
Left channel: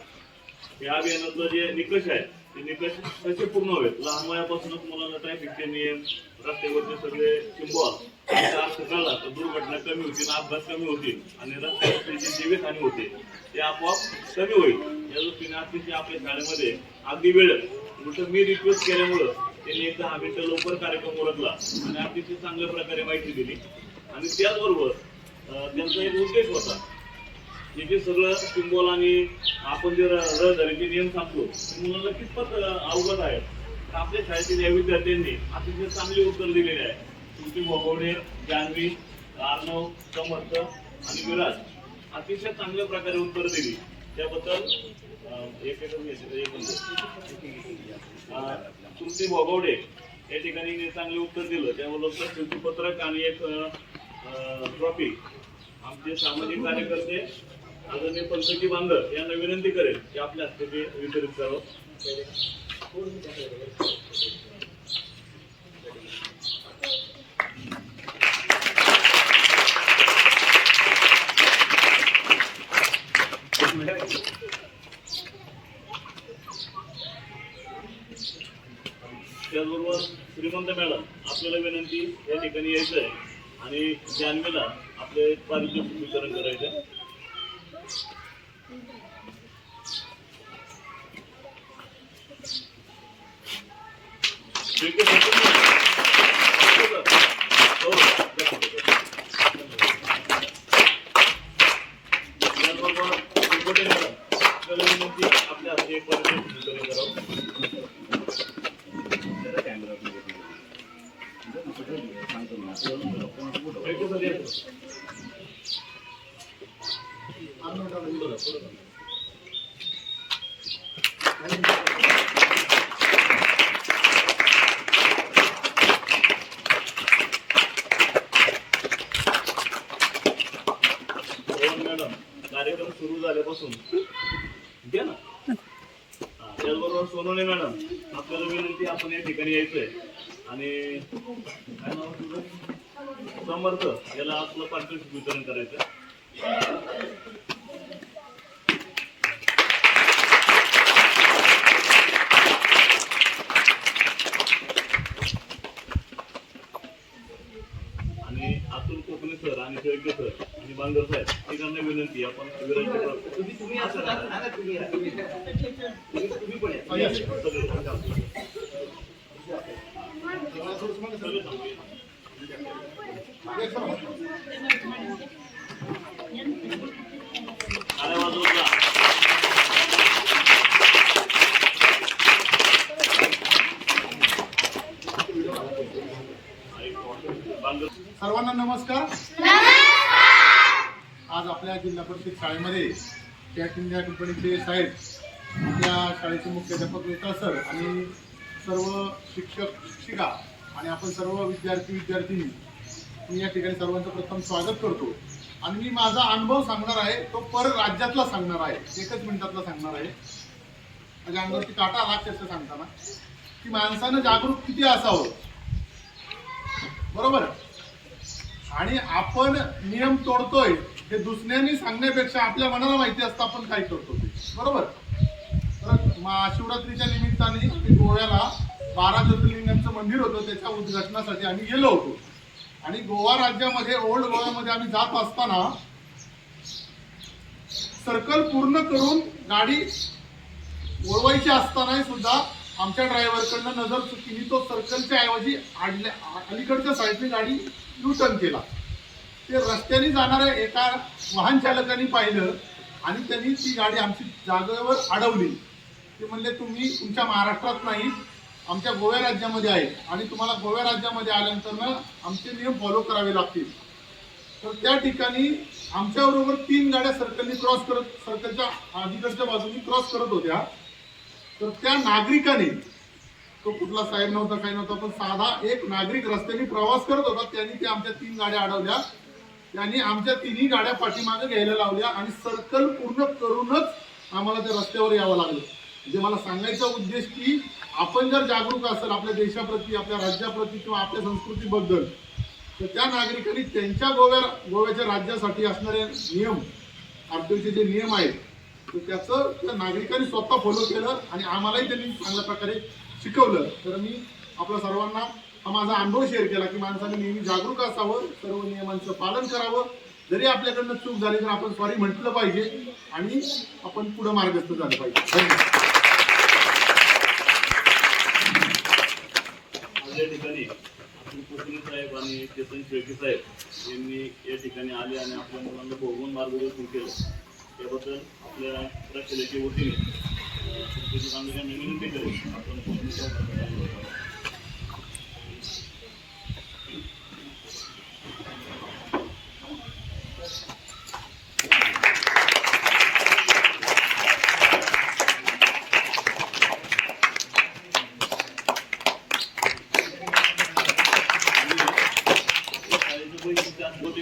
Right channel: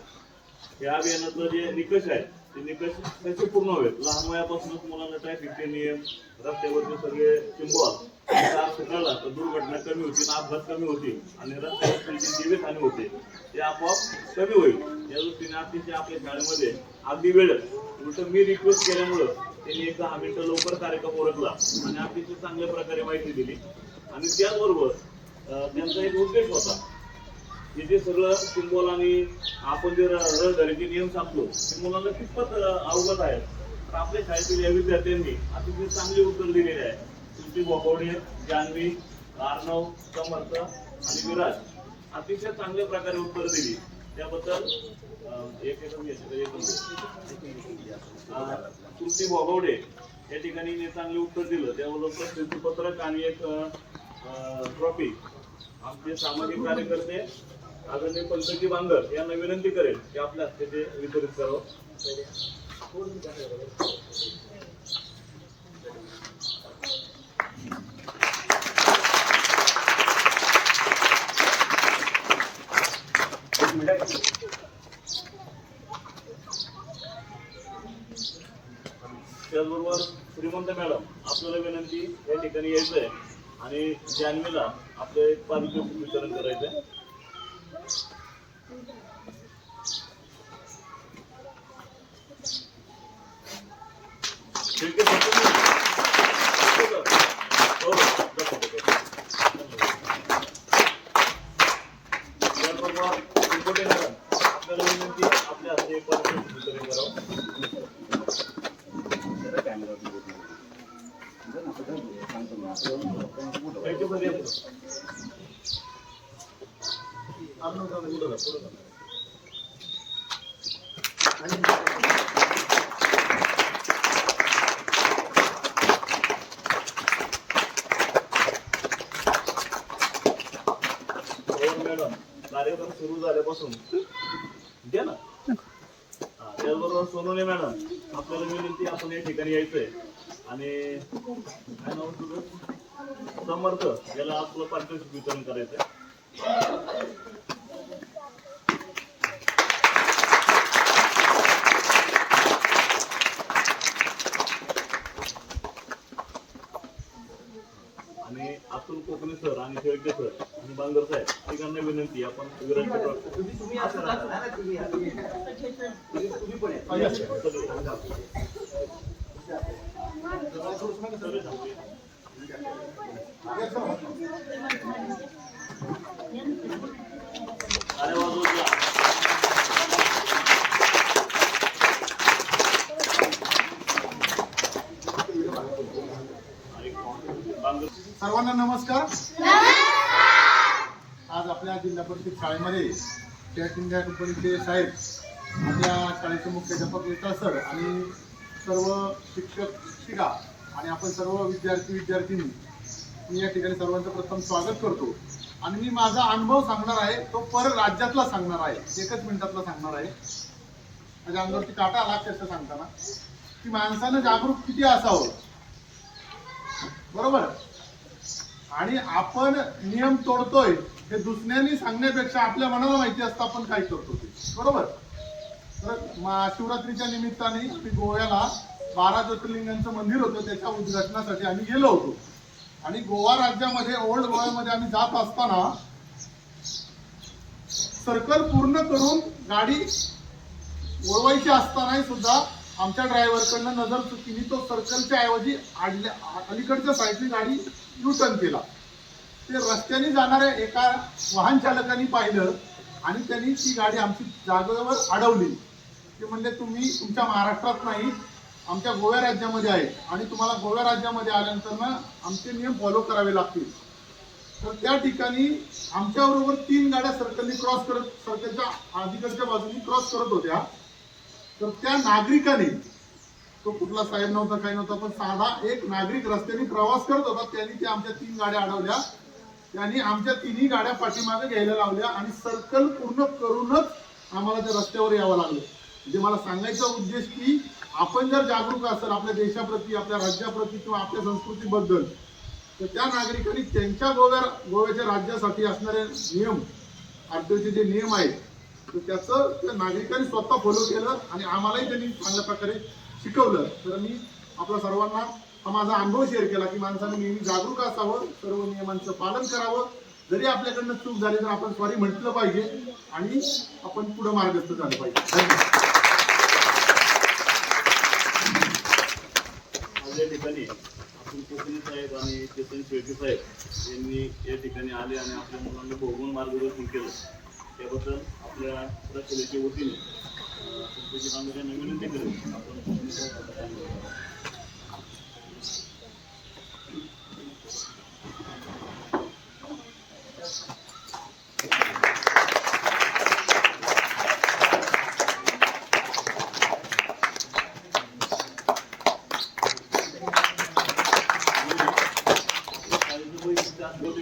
या अभियानाचं जे निकष आहे ते निकष कसे पूर्ण हवेत. लहान वयापासूनच मुलांना ट्रॅफिकचे नियम रस्त्यावरचे सगळे सिम्बॉल कळला तर दुर्घटना कमी होतील, अपघात कमी होतील आणि रस्त्यावरची जी जीवितहानी होते ते आपोआप कमी होईल. या दृष्टीने अतिशय आपल्या शाळेमध्ये अगदी वेळ उलट मी रिक्वेस्ट केल्यामुळं त्यांनी एक 10 मिनिटं लवकर कार्यक्रम ओळखला आणि अतिशय चांगल्या प्रकारे माहिती दिली. आणि त्याचबरोबर त्यांचा एक उद्देश होता की जे सगळं सिम्बॉल आणि आपण जे रहदारीचे नियम सांगतो ते मुलांना कितपत अवगत आहेत. तर आपल्या शाळेतील या विद्यार्थ्यांनी अतिशय चांगली उत्तर दिलेली आहे. तुमची भोगवडे, जान्हवी, अर्णव, समर्थ आणि विराज अतिशय चांगल्या प्रकारे उत्तर दिली. त्याबद्दल तुमची भोगवडे या ठिकाणी चांगले उत्तर दिलं त्याबद्दल प्रशस्तीपत्रक आणि एक ट्रॉफी आमचे सामाजिक कार्यकर्ते आदरणीय पंतजी बांगर यांना विनंती करेल की आपल्या हस्ते ते वितरित करावं. त्याचबरोबर श्रीमंत मॅडम आपल्याला विनंती या ठिकाणी यायचं आहे आणि जान्हवीला आपले पारितोषिक वितरण करायचं आहे. आपल्याला विनंती आपल्या हस्ते पारितोषिक वितरण करावं. मॅडम कार्यक्रम सुरू झाल्यापासून द्या ना. त्याचबरोबर सोनवणे मॅडम आपल्याला विनंती आपण या ठिकाणी यायचंय आणि काय नाव तुझं समर्थ याला आपलं पारितोषिक वितरण करायचंय. आणि अतुल कोकणे सर आणि शेळके सर आणि बांगर साहेब तिघांना विनंती आपण सर्वांना नमस्कार. आज आपल्या जिल्हा परिषद शाळेमध्ये फियाट इंडिया कंपनीचे साहेब, आपल्या शाळेचे मुख्याध्यापक विकास सर आणि सर्व शिक्षक शिक्षिका आणि आपण सर्व विद्यार्थी मी या ठिकाणी सर्वांचं प्रथम स्वागत करतो. आणि मी माझा अनुभव सांगणार आहे तो राज्यातला सांगणार आहे. 1 मिनिटातला सांगणार आहे. माझ्या अंगावरती काटा आला अक्षरशः सांगताना की माणसानं जागरूक किती असावं. बरोबर. आणि आपण नियम तोडतोय हे दुसऱ्यांनी सांगण्यापेक्षा आपल्या मनाला माहिती असतं आपण काय करतो ते. बरोबर. तर महाशिवरात्रीच्या निमित्ताने मी गोव्याला 12 ज्योतिर्लिंगांचं मंदिर होतं, त्याच्या उद्घाटनासाठी आम्ही गेलो होतो. आणि गोवा राज्यामध्ये ओल्ड गोव्यामध्ये आम्ही जात असताना सर्कल पूर्ण करून गाडी वळवायची असतानाही सुद्धा आमच्या ड्रायव्हरकडनं नजर चुकीने तो सर्कलच्या ऐवजी अलीकडच्या साईडने गाडी यू टर्न केला. ते रस्त्याने जाणाऱ्या एका वाहन चालकाने पाहिलं आणि त्यांनी ती गाडी आमची जागेवर अडवली. ते म्हणले तुम्ही तुमच्या महाराष्ट्रात नाही, आमच्या गोव्या राज्यामध्ये आहे आणि तुम्हाला गोव्या राज्यामध्ये आल्यानंतर ना आमचे नियम फॉलो करावे लागतील. तर त्या ठिकाणी आमच्याबरोबर 3 गाड्या सर्कलनी क्रॉस करत, सर्कलच्या अलीकडच्या बाजूनी क्रॉस करत होत्या. तर त्या नागरिकाने, तो कुठला साहेब नव्हता, काही नव्हता, पण साधा एक नागरिक रस्त्याने प्रवास करत होता, त्यांनी ते आमच्या 3 गाड्या अडवल्या. त्यांनी आमच्या 3ही गाड्या पाठीमागे घ्यायला लावल्या आणि सर्कल पूर्ण करूनच आम्हाला त्या रस्त्यावर यावं लागलं. म्हणजे मला सांगायचा उद्देश की आपण जर जागरूक असेल आपल्या देशाप्रती, आपल्या राज्याप्रती किंवा आपल्या संस्कृतीबद्दल, तर त्या नागरिकांनी त्यांच्या गोव्याच्या राज्यासाठी असणारे नियम, आरटीओचे जे नियम आहेत, तर त्याचं त्या नागरिकांनी स्वतः फॉलो केलं आणि आम्हालाही त्यांनी चांगल्या प्रकारे शिकवलं. तर मी आपल्या सर्वांना हा माझा अनुभव शेअर केला की माणसाने नेहमी जागरूक असावं, सर्व नियमांचं पालन करावं. जरी आपल्याकडनं चूक झाली तर आपण सॉरी म्हटलं पाहिजे आणि आपण पुढे मार्गस्थ झालं पाहिजे. धन्यवाद. आज या ठिकाणी आपण कोकणी साहेब आणि चेतन शेळके साहेब यांनी या ठिकाणी आले आणि आपल्या मुलांना भोगून मार्गदर्शन केलं. त्याबद्दल आपल्या प्रशालेच्या वतीने यांना विनंती करेल आपण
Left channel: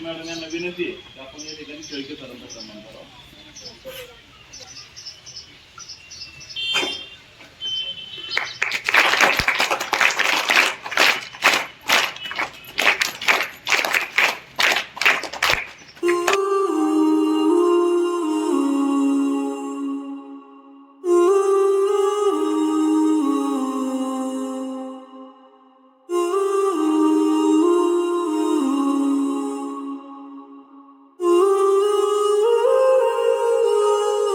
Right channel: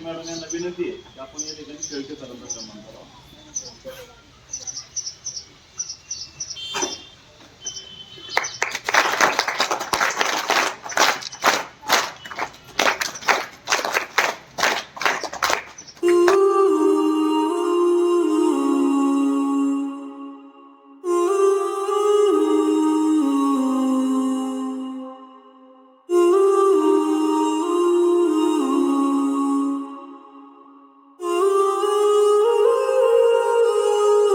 मॅडम यांना विनंती आहे की आपण या ठिकाणी शेळके सरांचा सन्मान करावा.